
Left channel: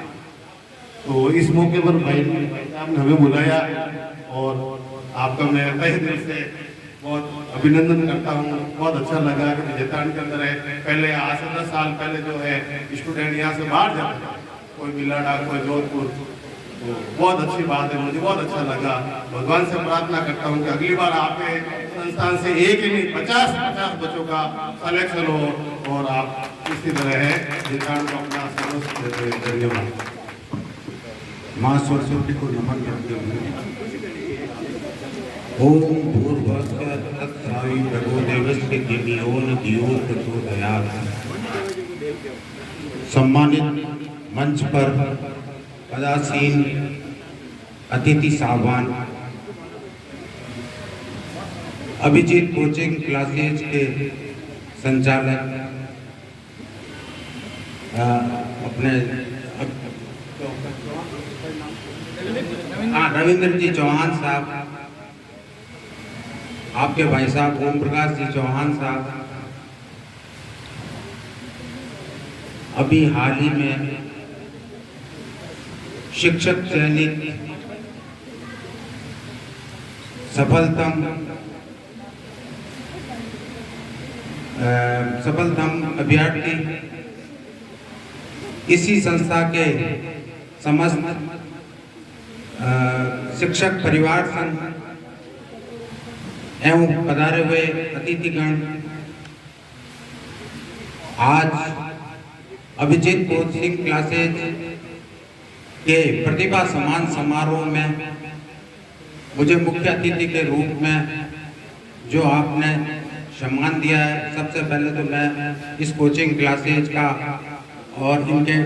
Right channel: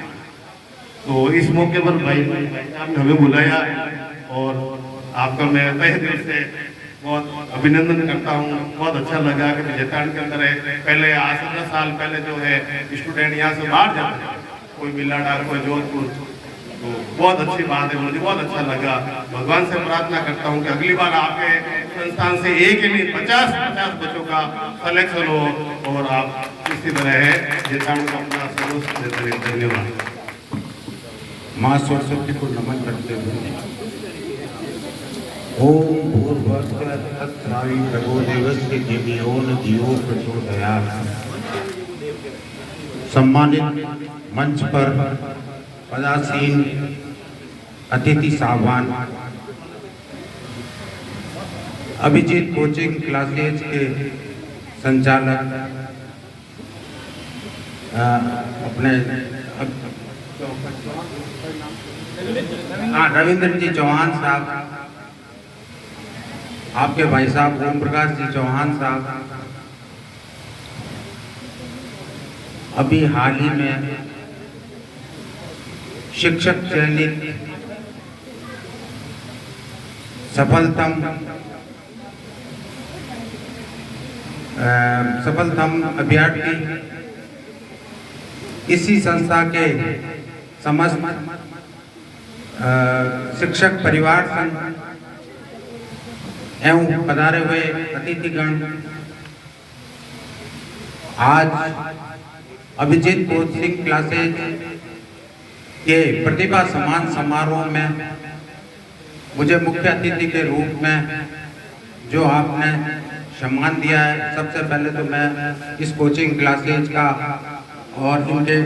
तो इस मौके पर भाई साहब ने हमें बुलाया और आपका मैं तहे दिल से बहुत अभिनंदन करता हूँ। बहुत अच्छा लगा कि जेताण के अंदर है। पहले आज से 10 साल पहले जो है स्टूडेंट यहाँ से बाहर जाते हैं, कोई बिलाडा, कोई जोधपुर। तो बहुत अच्छी बात है, मुझे बहुत अच्छा लगा। भगवान से प्रार्थना करता हूँ कि अगली बार आपके संस्थान से एक ही नहीं 50 बच्चों का सिलेक्शन हो और आप इसी तरह है जेताण को अपना सर्वस्व देते हैं। धन्यवाद। माँ सरस्वती को नमन करते हुए ओम भूर्भुवस्सुः तत्सवितुर्वरेण्यं देवस्य धियो धियो प्रचोदयात्। सम्मानित मंच पर पदासीन अतिथि साहबान, अभिजीत कोचिंग क्लासेज के संचालक, अपने रविंद्र जी चौहान साहब, आपके भाई साहब ओम प्रकाश जी चौहान साहब, अभी हाल ही में शिक्षक चयनित सफलतम अभ्यर्थी इसी संस्था के समस्त शिक्षक परिवार संघ एवं पधारे हुए अतिथिगण, आज अभिजीत कोचिंग क्लासेज के प्रतिभा सम्मान समारोह में मुझे मुख्य अतिथि के रूप में जो आपने सम्मान दिया है, सबसे पहले तो मैं इस कोचिंग क्लासेज का और इनके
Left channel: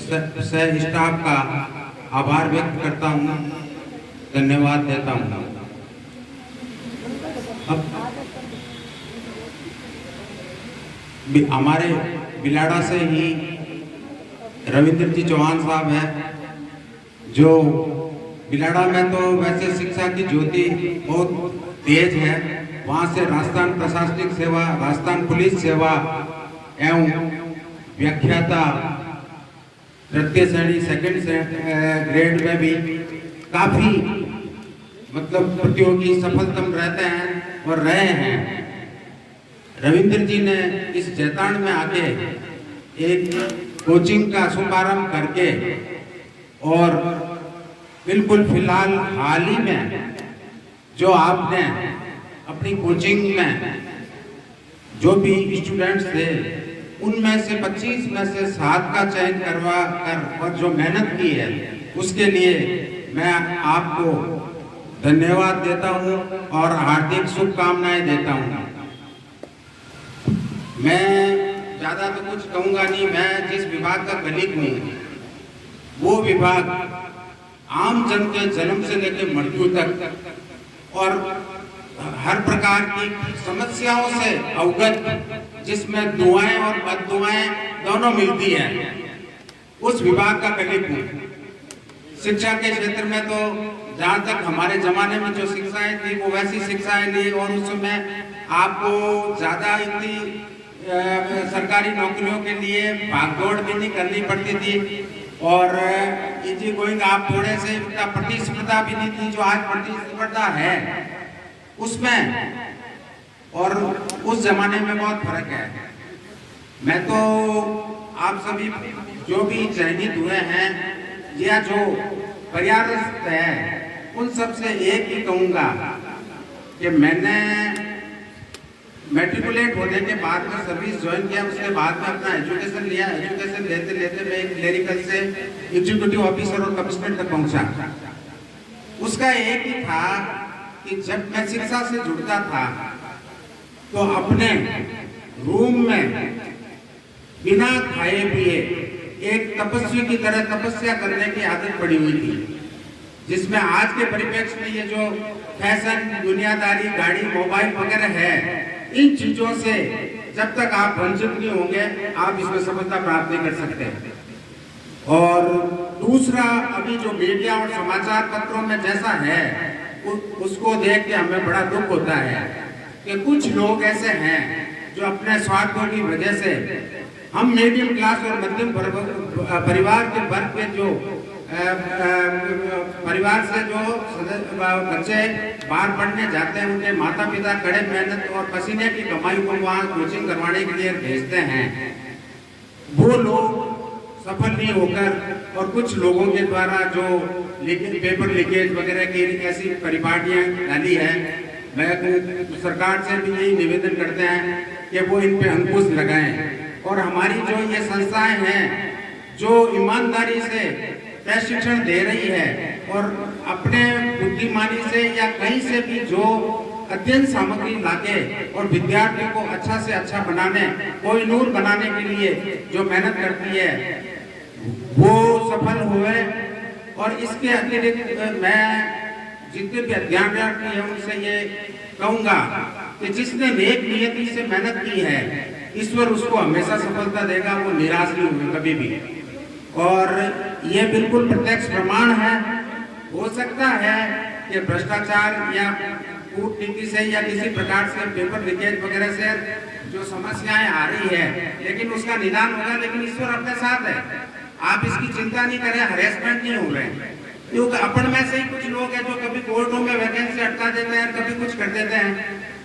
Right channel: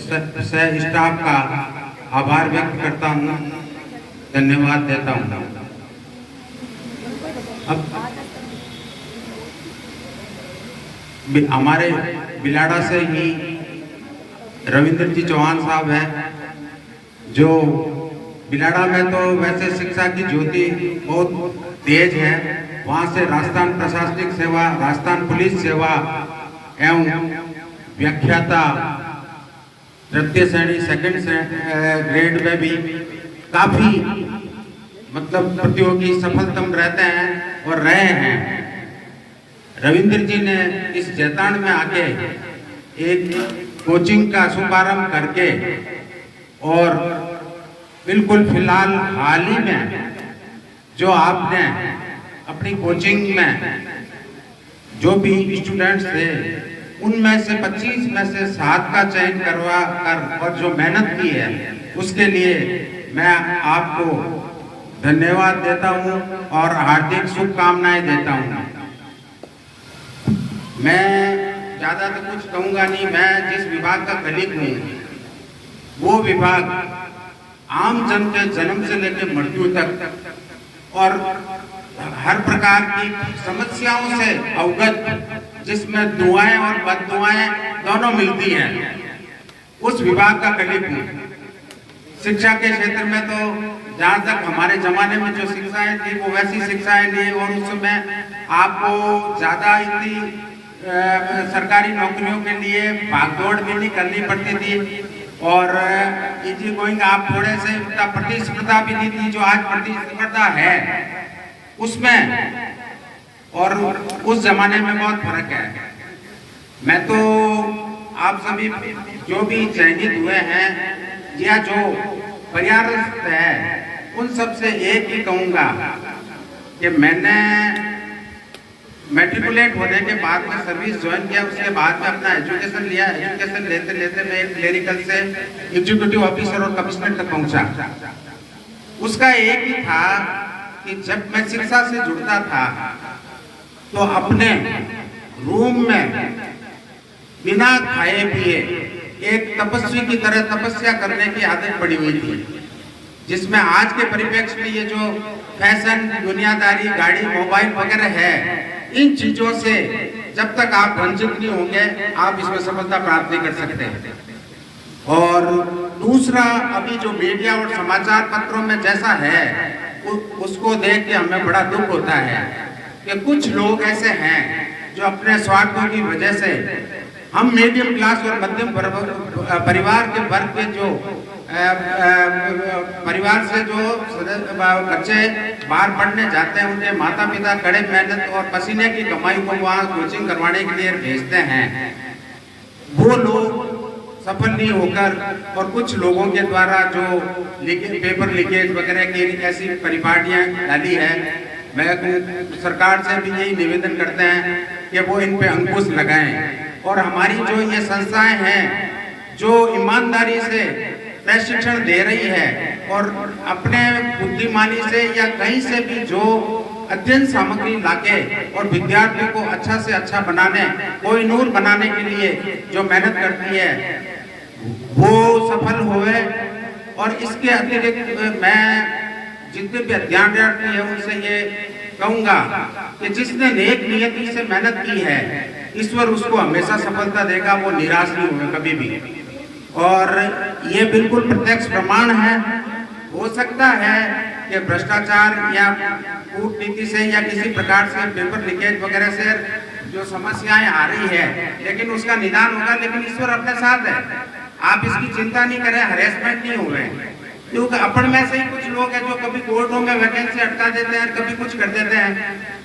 सह स्टाफ का आभार व्यक्त करता हूँ, धन्यवाद देता हूँ। अब हमारे बिलाड़ा से ही रविंद्र जी चौहान साहब हैं, जो बिलाड़ा में तो वैसे शिक्षा की ज्योति बहुत तेज है। वहाँ से राजस्थान प्रशासनिक सेवा, राजस्थान पुलिस सेवा एवं व्याख्याता तृतीय श्रेणी सेकंड ग्रेड में भी काफी मतलब प्रतियोगी सफलतम रहते हैं और रहे हैं। रविंद्र जी ने इस जेताण में आके एक कोचिंग का शुभारंभ करके और बिल्कुल फिलहाल हाल ही में जो आपने अपनी कोचिंग में जो भी स्टूडेंट्स थे उनमें से 25 में से 7 का चयन करवा कर और जो मेहनत की है उसके लिए मैं आपको धन्यवाद देता हूं और हार्दिक शुभकामनाएं देता हूं। मैं ज़्यादा तो कुछ कहूँगा नहीं। मैं जिस विभाग का कलीग हूँ वो विभाग आम जन के जन्म से लेकर मृत्यु तक और हर प्रकार की समस्याओं से अवगत, जिसमें दुआएं और बद्दुआएं दोनों मिलती हैं, उस विभाग का कलीग हूँ। शिक्षा के क्षेत्र में तो जहाँ तक हमारे जमाने में जो शिक्षाएं थी वो वैसी शिक्षाएं नहीं, और उस समय आपको ज़्यादा इतनी सरकारी नौकरियों के लिए भागदौड़ भी नहीं करनी पड़ती थी, और इजी गोइंग आप थोड़े से प्रतिस्पर्धा भी नहीं थी जो आज प्रतिस्पर्धा है उसमें, और उस जमाने में बहुत फर्क है। मैं तो आप सभी जो भी चयनित हुए हैं या जो प्रयासरत है उन सब से एक ही कहूँगा कि मैंने मैट्रिकुलेट होने के बाद में सर्विस ज्वाइन किया, उसके बाद में अपना एजुकेशन लिया। एजुकेशन लेते लेते मैं एक क्लेरिकल से एग्जीक्यूटिव ऑफिसर और कमिश्नर तक पहुंचा। उसका एक ही था कि जब मैं शिक्षा से जुड़ता था तो अपने रूम में बिना खाए पिए एक तपस्वी की तरह तपस्या करने की आदत पड़ी हुई थी, जिसमें आज के परिप्रेक्ष्य में ये जो फैशन, दुनियादारी, गाड़ी, मोबाइल वगैरह है, इन चीजों से जब तक आप वंचित नहीं होंगे आप इसमें सफलता प्राप्त नहीं कर सकते। और दूसरा, अभी जो मीडिया और समाचार पत्रों में जैसा है उसको देख के हमें बड़ा दुख होता है कि कुछ लोग ऐसे हैं जो अपने स्वार्थों की वजह से हम मीडियम क्लास और मध्यम परिवार के वर्ग के जो परिवार से जो बच्चे बाहर पढ़ने जाते हैं, उनके माता पिता कड़े मेहनत और पसीने की कमाई को वहाँ कोचिंग करवाने के लिए भेजते हैं। वो लोग सफल नहीं होकर और कुछ लोगों के द्वारा जो पेपर लीकेज वगैरह की ऐसी परिपाटियां डाली है, मैं सरकार से भी यही निवेदन करते हैं कि वो इन पे अंकुश लगाएं, और हमारी जो ये संस्थाएं हैं जो ईमानदारी से प्रशिक्षण दे रही है और अपने बुद्धिमानी से या कहीं से भी जो अध्ययन सामग्री लाके और विद्यार्थियों को अच्छा से अच्छा बनाने, कोई नूर बनाने के लिए जो मेहनत करती है वो सफल हुए। और इसके अतिरिक्त मैं जितने भी अध्यापक है उनसे ये कहूँगा कि जिसने नेक नियति से मेहनत की है ईश्वर उसको हमेशा सफलता देगा, वो निराश नहीं होगा कभी भी। और ये बिल्कुल प्रत्यक्ष प्रमाण है। हो सकता है कि भ्रष्टाचार या कूटनीति से या किसी प्रकार से पेपर लीकेज वगैरह से जो समस्याएं आ रही है, लेकिन उसका निदान होगा, लेकिन ईश्वर अपने साथ है। आप इसकी चिंता नहीं करें, हरेसमेंट नहीं हो रहे, क्योंकि अपन में से ही कुछ लोग हैं जो कभी कोर्टों में वैकेंसी हटा देते हैं, कभी कुछ कर देते हैं,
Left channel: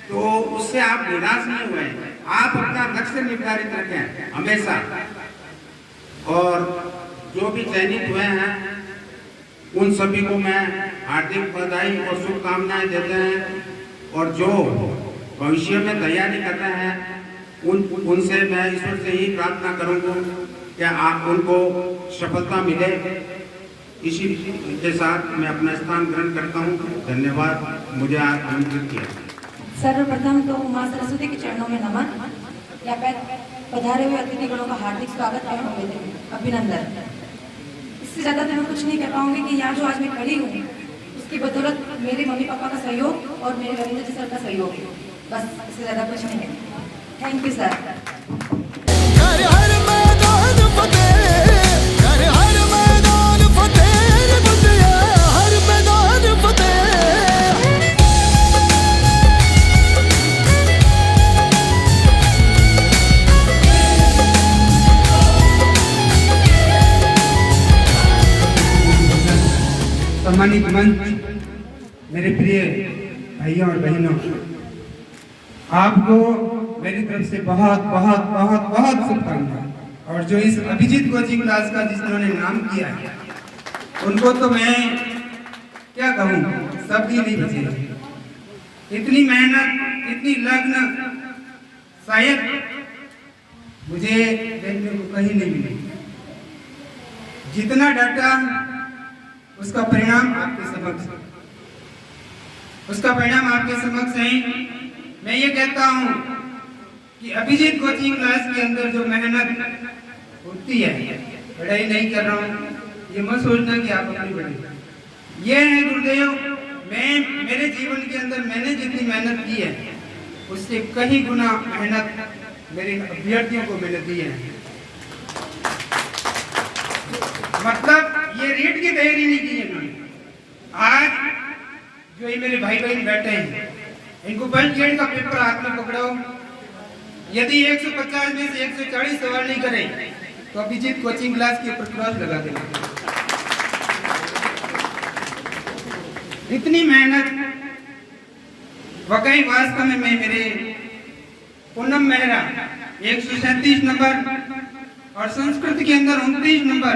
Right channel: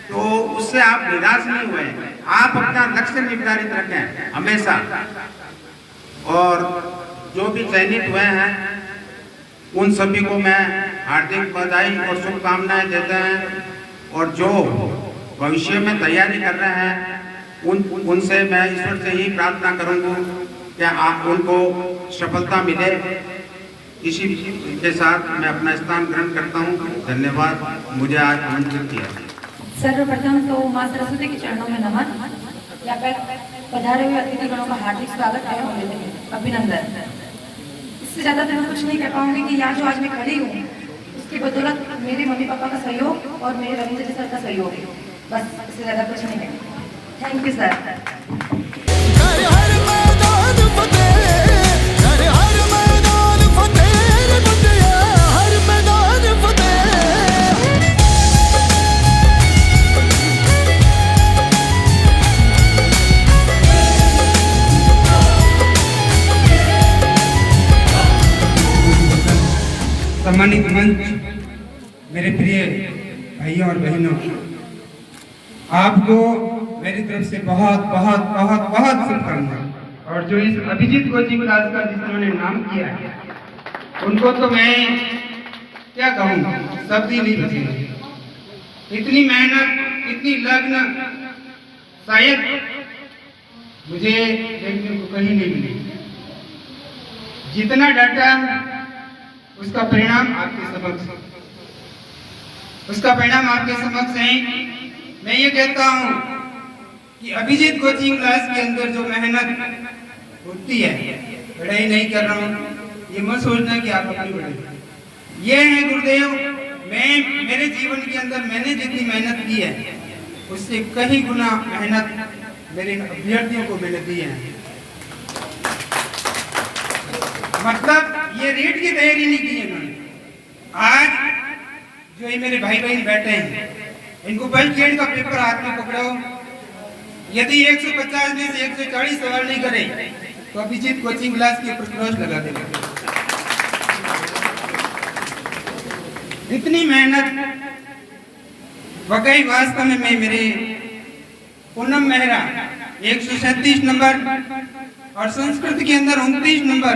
तो उससे आप निराश नहीं हुए। आप अपना लक्ष्य निर्धारित रखें हमेशा। और जो भी चयनित हुए हैं उन सभी को मैं हार्दिक बधाई और शुभकामनाएं देते हैं, और जो भविष्य में तैयारी कर रहे हैं उनसे मैं ईश्वर से ही प्रार्थना करूंगा कि आप उनको सफलता मिले। इसी के साथ मैं अपना स्थान ग्रहण करता हूँ। धन्यवाद मुझे आज आमंत्रित किया। सर्वप्रथम तो मां सरस्वती के चरणों में नमन। यहाँ पर पधारे हुए अतिथिगणों का हार्दिक स्वागत एवं अभिनंदन। इससे ज्यादा तो मैं कुछ नहीं कह पाऊंगी कि यहाँ जो आज मैं खड़ी हूँ उसकी बदौलत मेरे मम्मी पापा का सहयोग और मेरे रविंद्र जी सर का सहयोग है, बस इससे ज्यादा कुछ नहीं है। Thank you sir. हर हर मैदान फतेह, हर हर मैदान फतेह, रे बुंदिया हर मैदान फतेह। सम्मानित मंच, मेरे प्रिय भाइयों और बहनों, आपको मेरी तरफ से बहुत बहुत बहुत बहुत शुभकामनाएं। और जो इस अभिजीत कोचिंग क्लास का जिन्होंने नाम किया है उनको तो मैं क्या कहूँ, शब्द ही नहीं बचे। इतनी मेहनत, इतनी लग्न शायद मुझे देखने को कहीं नहीं मिली। जितना डाटा उसका परिणाम आपके समक्ष है। मैं ये कहता हूँ कि अभिजीत कोचिंग क्लास के अंदर जो मेहनत होती है, पढ़ाई नहीं कर रहा हूँ, ये मत सोचना कि आप अपनी पढ़ाई। ये है गुरुदेव, मैं मेरे जीवन के अंदर मैंने जितनी मेहनत की है उससे कई गुना मेहनत मेरे अभ्यर्थियों को मैंने दी है। मतलब ये रीट की तैयारी नहीं की इन्होंने। आज जो ये मेरे भाई बहन बैठे हैं, इनको फर्स्ट ग्रेड का पेपर हाथ में पकड़ाओ, यदि 150 में से 140 सवाल नहीं करे तो अभिजीत कोचिंग क्लास के ऊपर क्रॉस लगा देना। इतनी मेहनत वाकई वास्तव में मेरे पूनम मेहरा 137 नंबर और संस्कृत के अंदर 29 नंबर,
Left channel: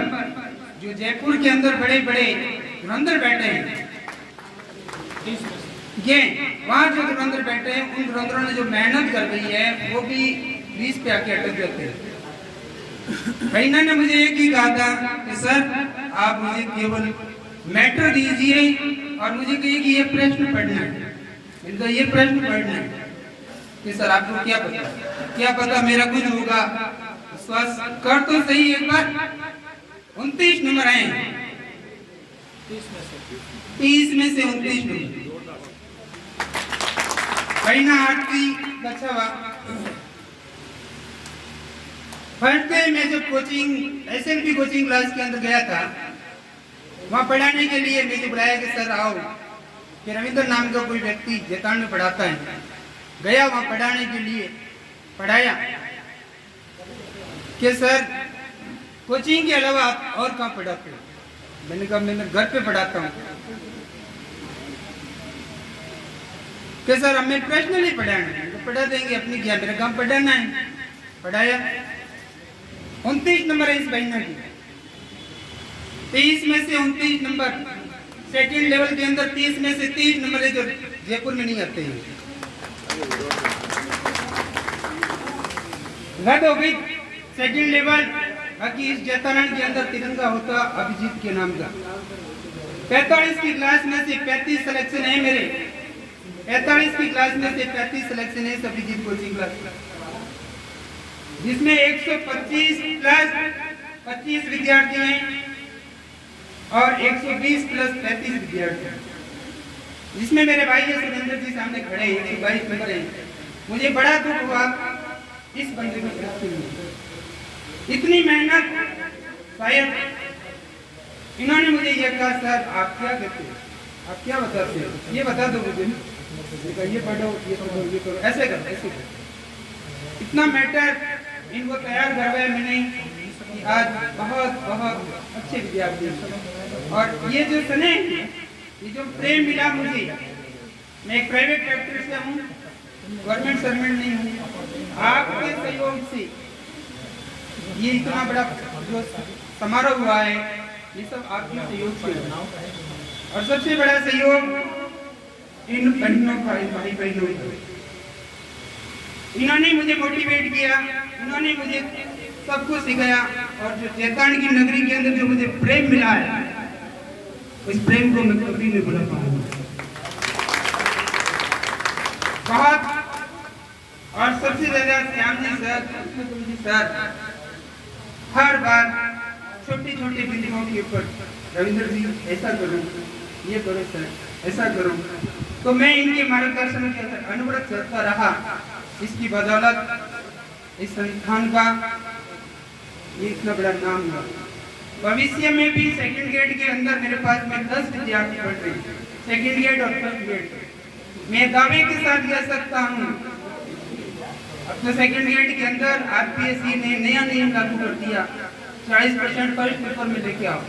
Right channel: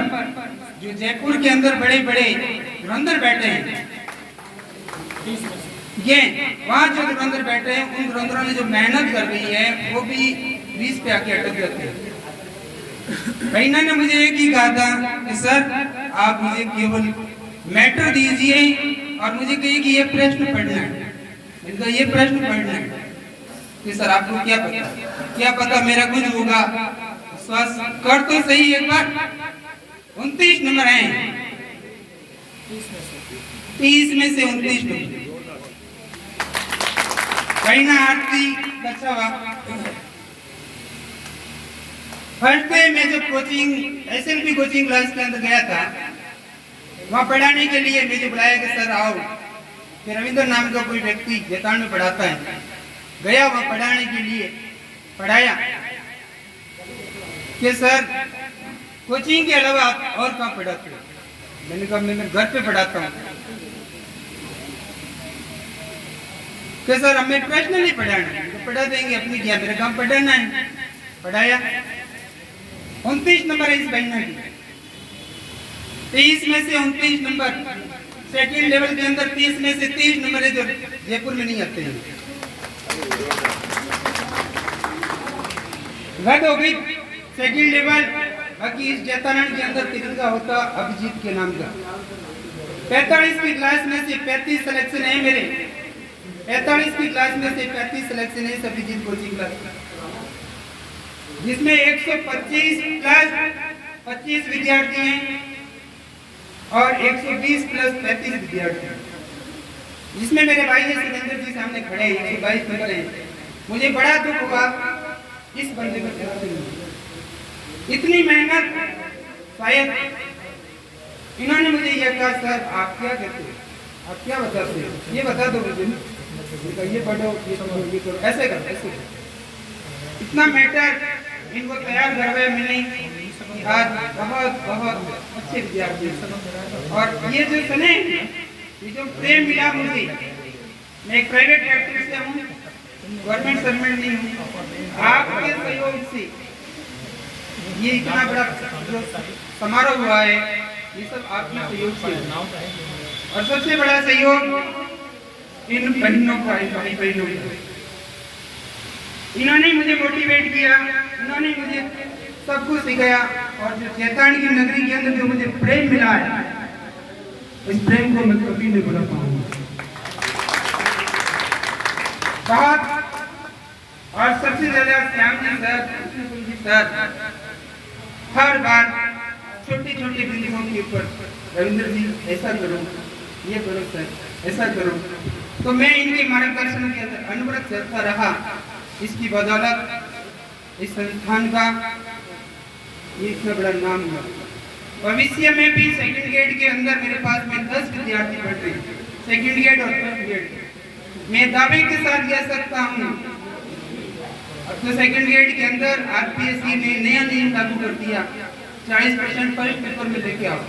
जो जयपुर के अंदर बड़े बड़े धुरंधर बैठे हैं, ये वहां जो धुरंधर बैठे हैं, उन धुरंधरों ने जो मेहनत कर रही है वो भी 20 पे आके अटक जाते हैं। बहना ने मुझे एक ही कहा था कि सर आप मुझे केवल मैटर दीजिए और मुझे कहिए कि ये प्रश्न पढ़ना है। मैंने कहा ये प्रश्न पढ़ना है कि सर आपको क्या पता मेरा कुछ होगा। विश्वास कर तो सही एक बार। 29 नंबर हैं, 30 में से 29 नंबर। बहना आरती कक्षा फर्स्ट डे मैं जब कोचिंग एसएलपी कोचिंग क्लास के अंदर गया था, वहाँ पढ़ाने के लिए मुझे बुलाया कि सर आओ, कि रविंद्र नाम का कोई व्यक्ति जैतान में पढ़ाता है। गया वहाँ पढ़ाने के लिए, पढ़ाया कि सर कोचिंग के अलावा आप और कहाँ पढ़ाते हो? मैंने कहा मैं घर पे पढ़ाता हूँ। कि सर हमें प्रश्न नहीं पढ़ाना, तो पढ़ा देंगे, अपनी क्या मेरा काम पढ़ाना है। पढ़ाया। 29 नंबर है इस बहना की, 30 में से 29 नंबर। सेकंड लेवल के अंदर 30 में से 30 नंबर है जो जयपुर में नहीं आते हैं। रद्द हो गई सेकंड लेवल। बाकी इस जैतारण के अंदर तिरंगा होता अभिजीत के नाम का। 45 की क्लास में से 35 सिलेक्शन है मेरे। 45 की क्लास में से 35 सिलेक्शन है अभिजीत कोचिंग क्लास, जिसमें 125 प्लस 25 विद्यार्थी हैं और 120 प्लस 35 विद्यार्थी हैं, जिसमें मेरे भाई है सुरेंद्र जी सामने खड़े हैं, 122 नंबर हैं। मुझे बड़ा दुख हुआ इस बंदे को, इतनी मेहनत। शायद इन्होंने मुझे यह कहा सर आप क्या कहते हैं, आप क्या बताते हैं, ये बता दो मुझे। ये पढ़ो, ये पढ़ो, ये करो, ऐसे करो, ऐसे करो। इतना मैटर इनको तैयार करवाया मैंने। आज बहुत बहुत अच्छे विद्यार्थी हैं। और ये जो सने, ये जो प्रेम मिला मुझे, मैं एक प्राइवेट फैक्ट्री से हूँ, गवर्नमेंट सर्वेंट नहीं हूँ। आपके सहयोग से ये इतना बड़ा जो समारोह हुआ है, ये सब आपके सहयोग से। और सबसे बड़ा सहयोग इन बहनों का, भाई बहनों का। इन्होंने मुझे मोटिवेट किया, इन्होंने मुझे सब कुछ सिखाया। और जो जैतारण की नगरी के अंदर जो मुझे प्रेम मिला है, इस प्रेम को मैं कभी नहीं भुला पाऊंगा। बहुत। और सबसे ज्यादा श्याम जी सर हर बार छोटी छोटी बिंदुओं के ऊपर, रविंद्र जी ऐसा करो, ये करो सर, ऐसा करो। तो मैं इनके मार्गदर्शन के अंदर अनवरत चलता रहा। इसकी बदौलत इस संस्थान का ये इतना बड़ा नाम हुआ। भविष्य में भी सेकंड ग्रेड के अंदर मेरे पास में 10 विद्यार्थी पढ़ रहे हैं, सेकंड ग्रेड और फर्स्ट ग्रेड। मैं दावे के साथ कह सकता हूँ अपने सेकंड ग्रेड के अंदर आरपीएससी ने नया नियम लागू कर दिया, 40% फर्स्ट पेपर में लेके आओ।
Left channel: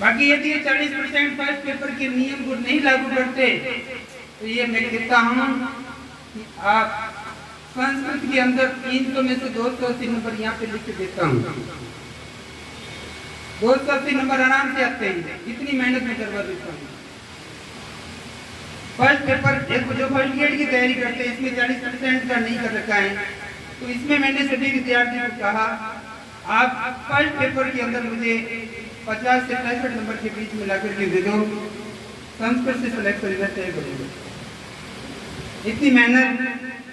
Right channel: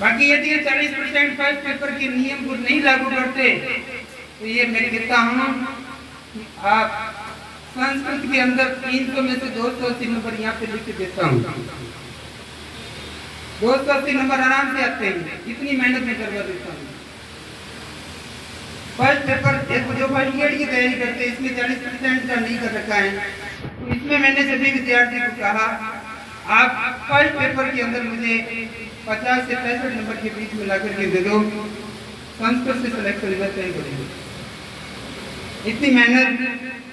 बाकी यदि ये 40% फर्स्ट पेपर के नियम को नहीं लागू करते तो ये मैं कहता हूँ कि आप संस्कृत के अंदर 300 में से 280 नंबर यहाँ पे लिख के देता हूँ। 280 नंबर आराम से आते हैं, इतनी मेहनत में करवा देता हूँ। फर्स्ट पेपर जो फर्स्ट ग्रेड की तैयारी करते हैं, इसमें 40% का नहीं कर रखा है, तो इसमें मैंने सभी विद्यार्थी को कहा आप फर्स्ट पेपर के अंदर मुझे 50 से 65 नंबर के बीच में ला करके दे दो, संस्कृत से सिलेक्शन में तय करेंगे। इतनी मेहनत,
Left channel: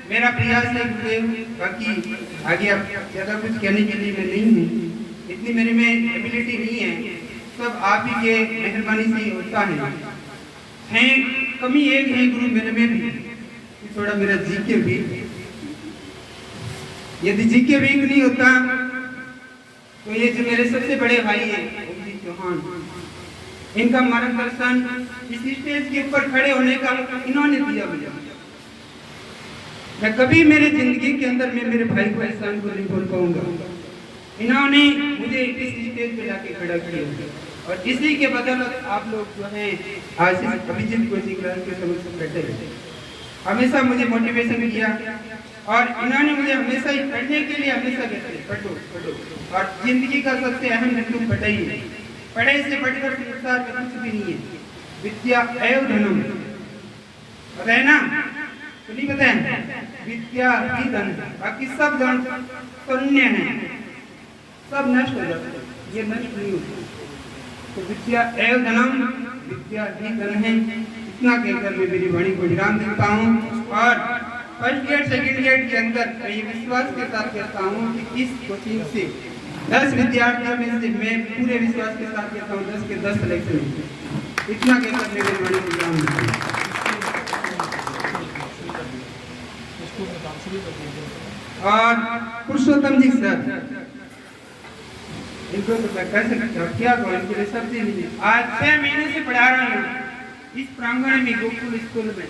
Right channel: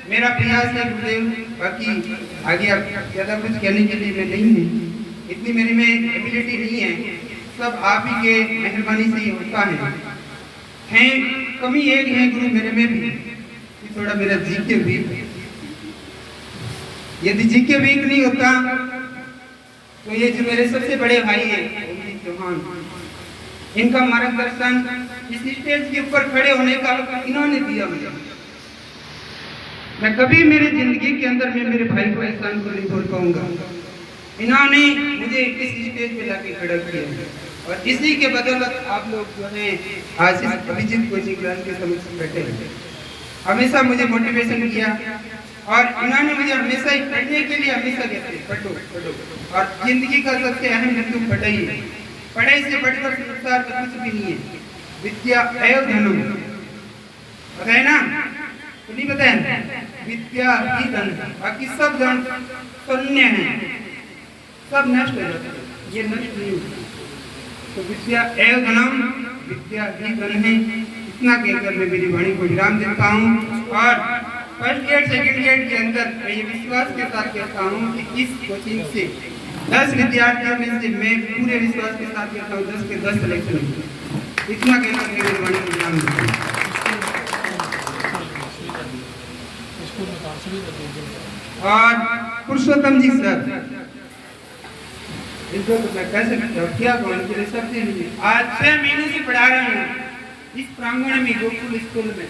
मेरा प्रयास है गुरुदेव, बाकी आगे अब ज़्यादा कुछ कहने के लिए मैं नहीं हूँ, इतनी मेरी में एबिलिटी नहीं है, सब आप ही के मेहरबानी से ही होता है। कमी एक है गुरु मेरे में भी कि थोड़ा मेरा जीके वीक, यदि जीके वीक नहीं होता तो ये जो मेरे सबसे बड़े भाई है चौहान, इनका मार्गदर्शन इस स्टेज के ऊपर खड़े होने का इन्होंने दिया मुझे। मैं कभी मेरे जिंदगी के अंदर में मेरे भाई को एहसान को नहीं भूल पाऊंगा। इन्होंने मुझे इस स्टेज पे लाके खड़ा किया और इसी के बदौलत आप लोग जो हैं आज इस अभिजीत कोचिंग क्लास के समक्ष बैठे हैं। हमेशा मुझे मोटिवेशन किया और इन्होंने मुझे हमेशा ही पढ़ने के लिए हमेशा कहते पढ़ो पढ़ो, और जिंदगी का सबसे अहम बिंदु पढ़ाई है। पढ़ाई से बढ़कर संसार में कुछ भी नहीं है। विद्या एवं धनम, पता है ना? तो नहीं पता है? विद्या ही धन है, बाकी सब धन शून्य है, सब नष्ट हो जाता है, ये नष्ट नहीं होता। तो विद्या एवं धनम, विद्या ही धन है। इतना कहकर मैं मेरी वाणी को विराम देता हूँ और फर्स्ट ग्रेड सेकंड ग्रेड के अंदर ये विश्वास के साथ कहता हूँ कि इस कोचिंग से 10 विद्यार्थियों में से मैं पूरे विश्वास के साथ कहता हूँ 10 के 10 सिलेक्शन होंगे। इतना कहकर मैं मेरी वाणी को विराम देता हूँ। और पुरुषोत्तम जी सर, इनको तो मैं कह सकता हूँ, क्या कहूँ, इनके सबसे मिले आज 6 महीने से पढ़ा रहा हूँ इस प्रांगण में गोकुल स्कूल में।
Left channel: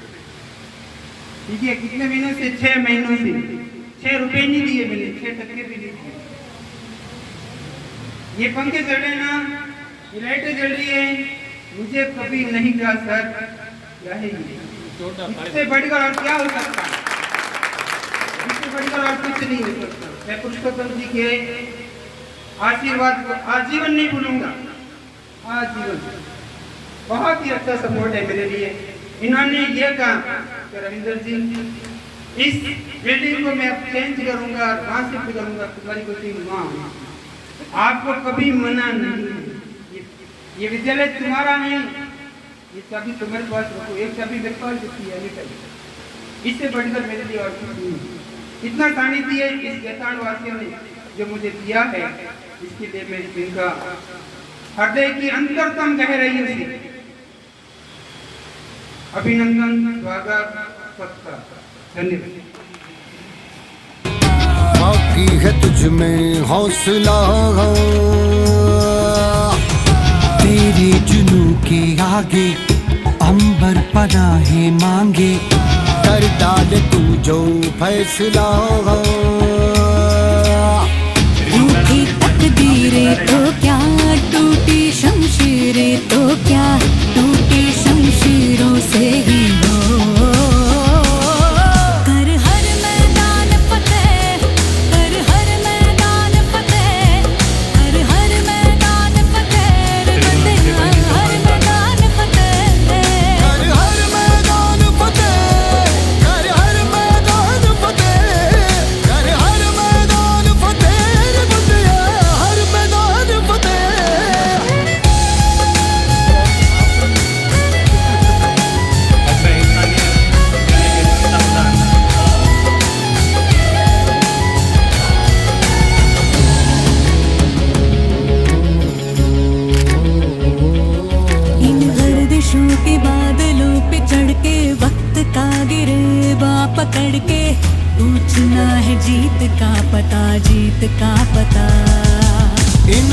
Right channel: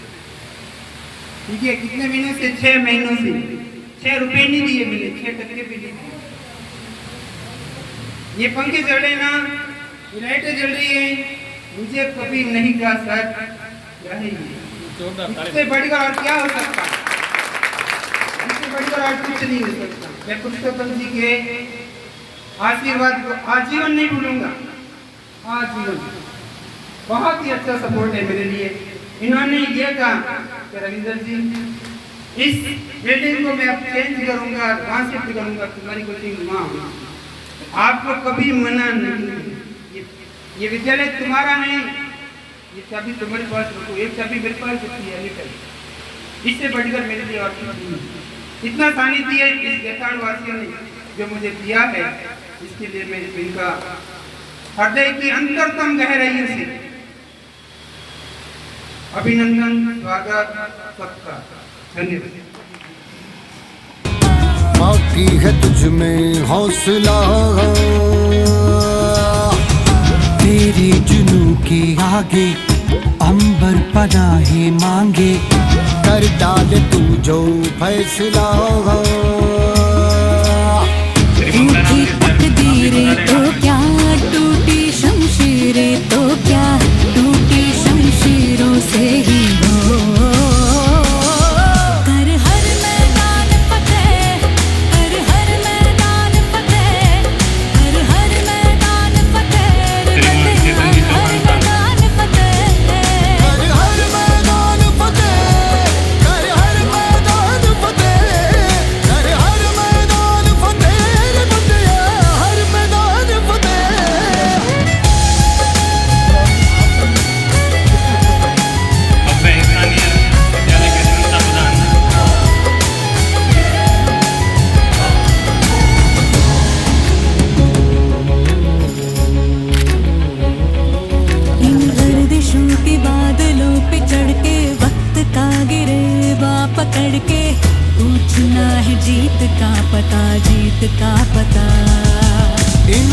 ठीक है, कितने महीनों से? 6 महीनों से। 6 रुपए नहीं दिए मिले, 6 टके भी नहीं दिए। ये पंखे जल रहे ना, ये लाइटें जल रही है, मुझे कभी नहीं कहा सर क्या है ये, इससे बढ़कर और क्या हो सकता है, इससे बढ़कर और कुछ नहीं हो सकता। मैं पुरुषोत्तम जी के आशीर्वाद को आजीवन नहीं भूलूंगा, आजीवन। बहुत ही अच्छा सपोर्ट है मेरे लिए। इन्होंने ये कहा कि रविंदर जी इस बिल्डिंग को मैं अब चेंज करूंगा, कहाँ शिफ्ट करूंगा, तुम्हारी कोचिंग वहाँ होगा, आपको कभी मना नहीं। ये विद्यालय तुम्हारा नहीं, ये चाबी तुम्हारे पास रखो, एक चाबी मेरे पास देती है अभी, इससे बढ़कर मेरे लिए और कुछ नहीं। इतना सानिध्य इस गैतान वासियों ने जो मुझे दिया है, इसके लिए मैं इनका हृदय की अंतरतम गहराइयों से अभिनंदन, स्वागत सबका धन्यवाद। बाकी है तुझ में हौसला, तेरे जुनू के आगे अंबर पनाहे मांगे, कर डाल तू जो फैसला। रूठी तकदीरें तो क्या, टूटी शमशीरें तो क्या, टूटी शमशीरों से ही हो। कर हर मैदान फतेह, कर हर मैदान फतेह, कर हर मैदान फतेह, रे बंदिया हर मैदान फतेह, कर हर मैदान फतेह, कर हर मैदान फतेह, कर हर मैदान फतेह, रे बंदिया हर मैदान फतेह। इन गर्दिशों के बादलों पे चढ़ के वक्त का गिरेबा पकड़ के, पूछना है जीत का पता, जीत का पता। इन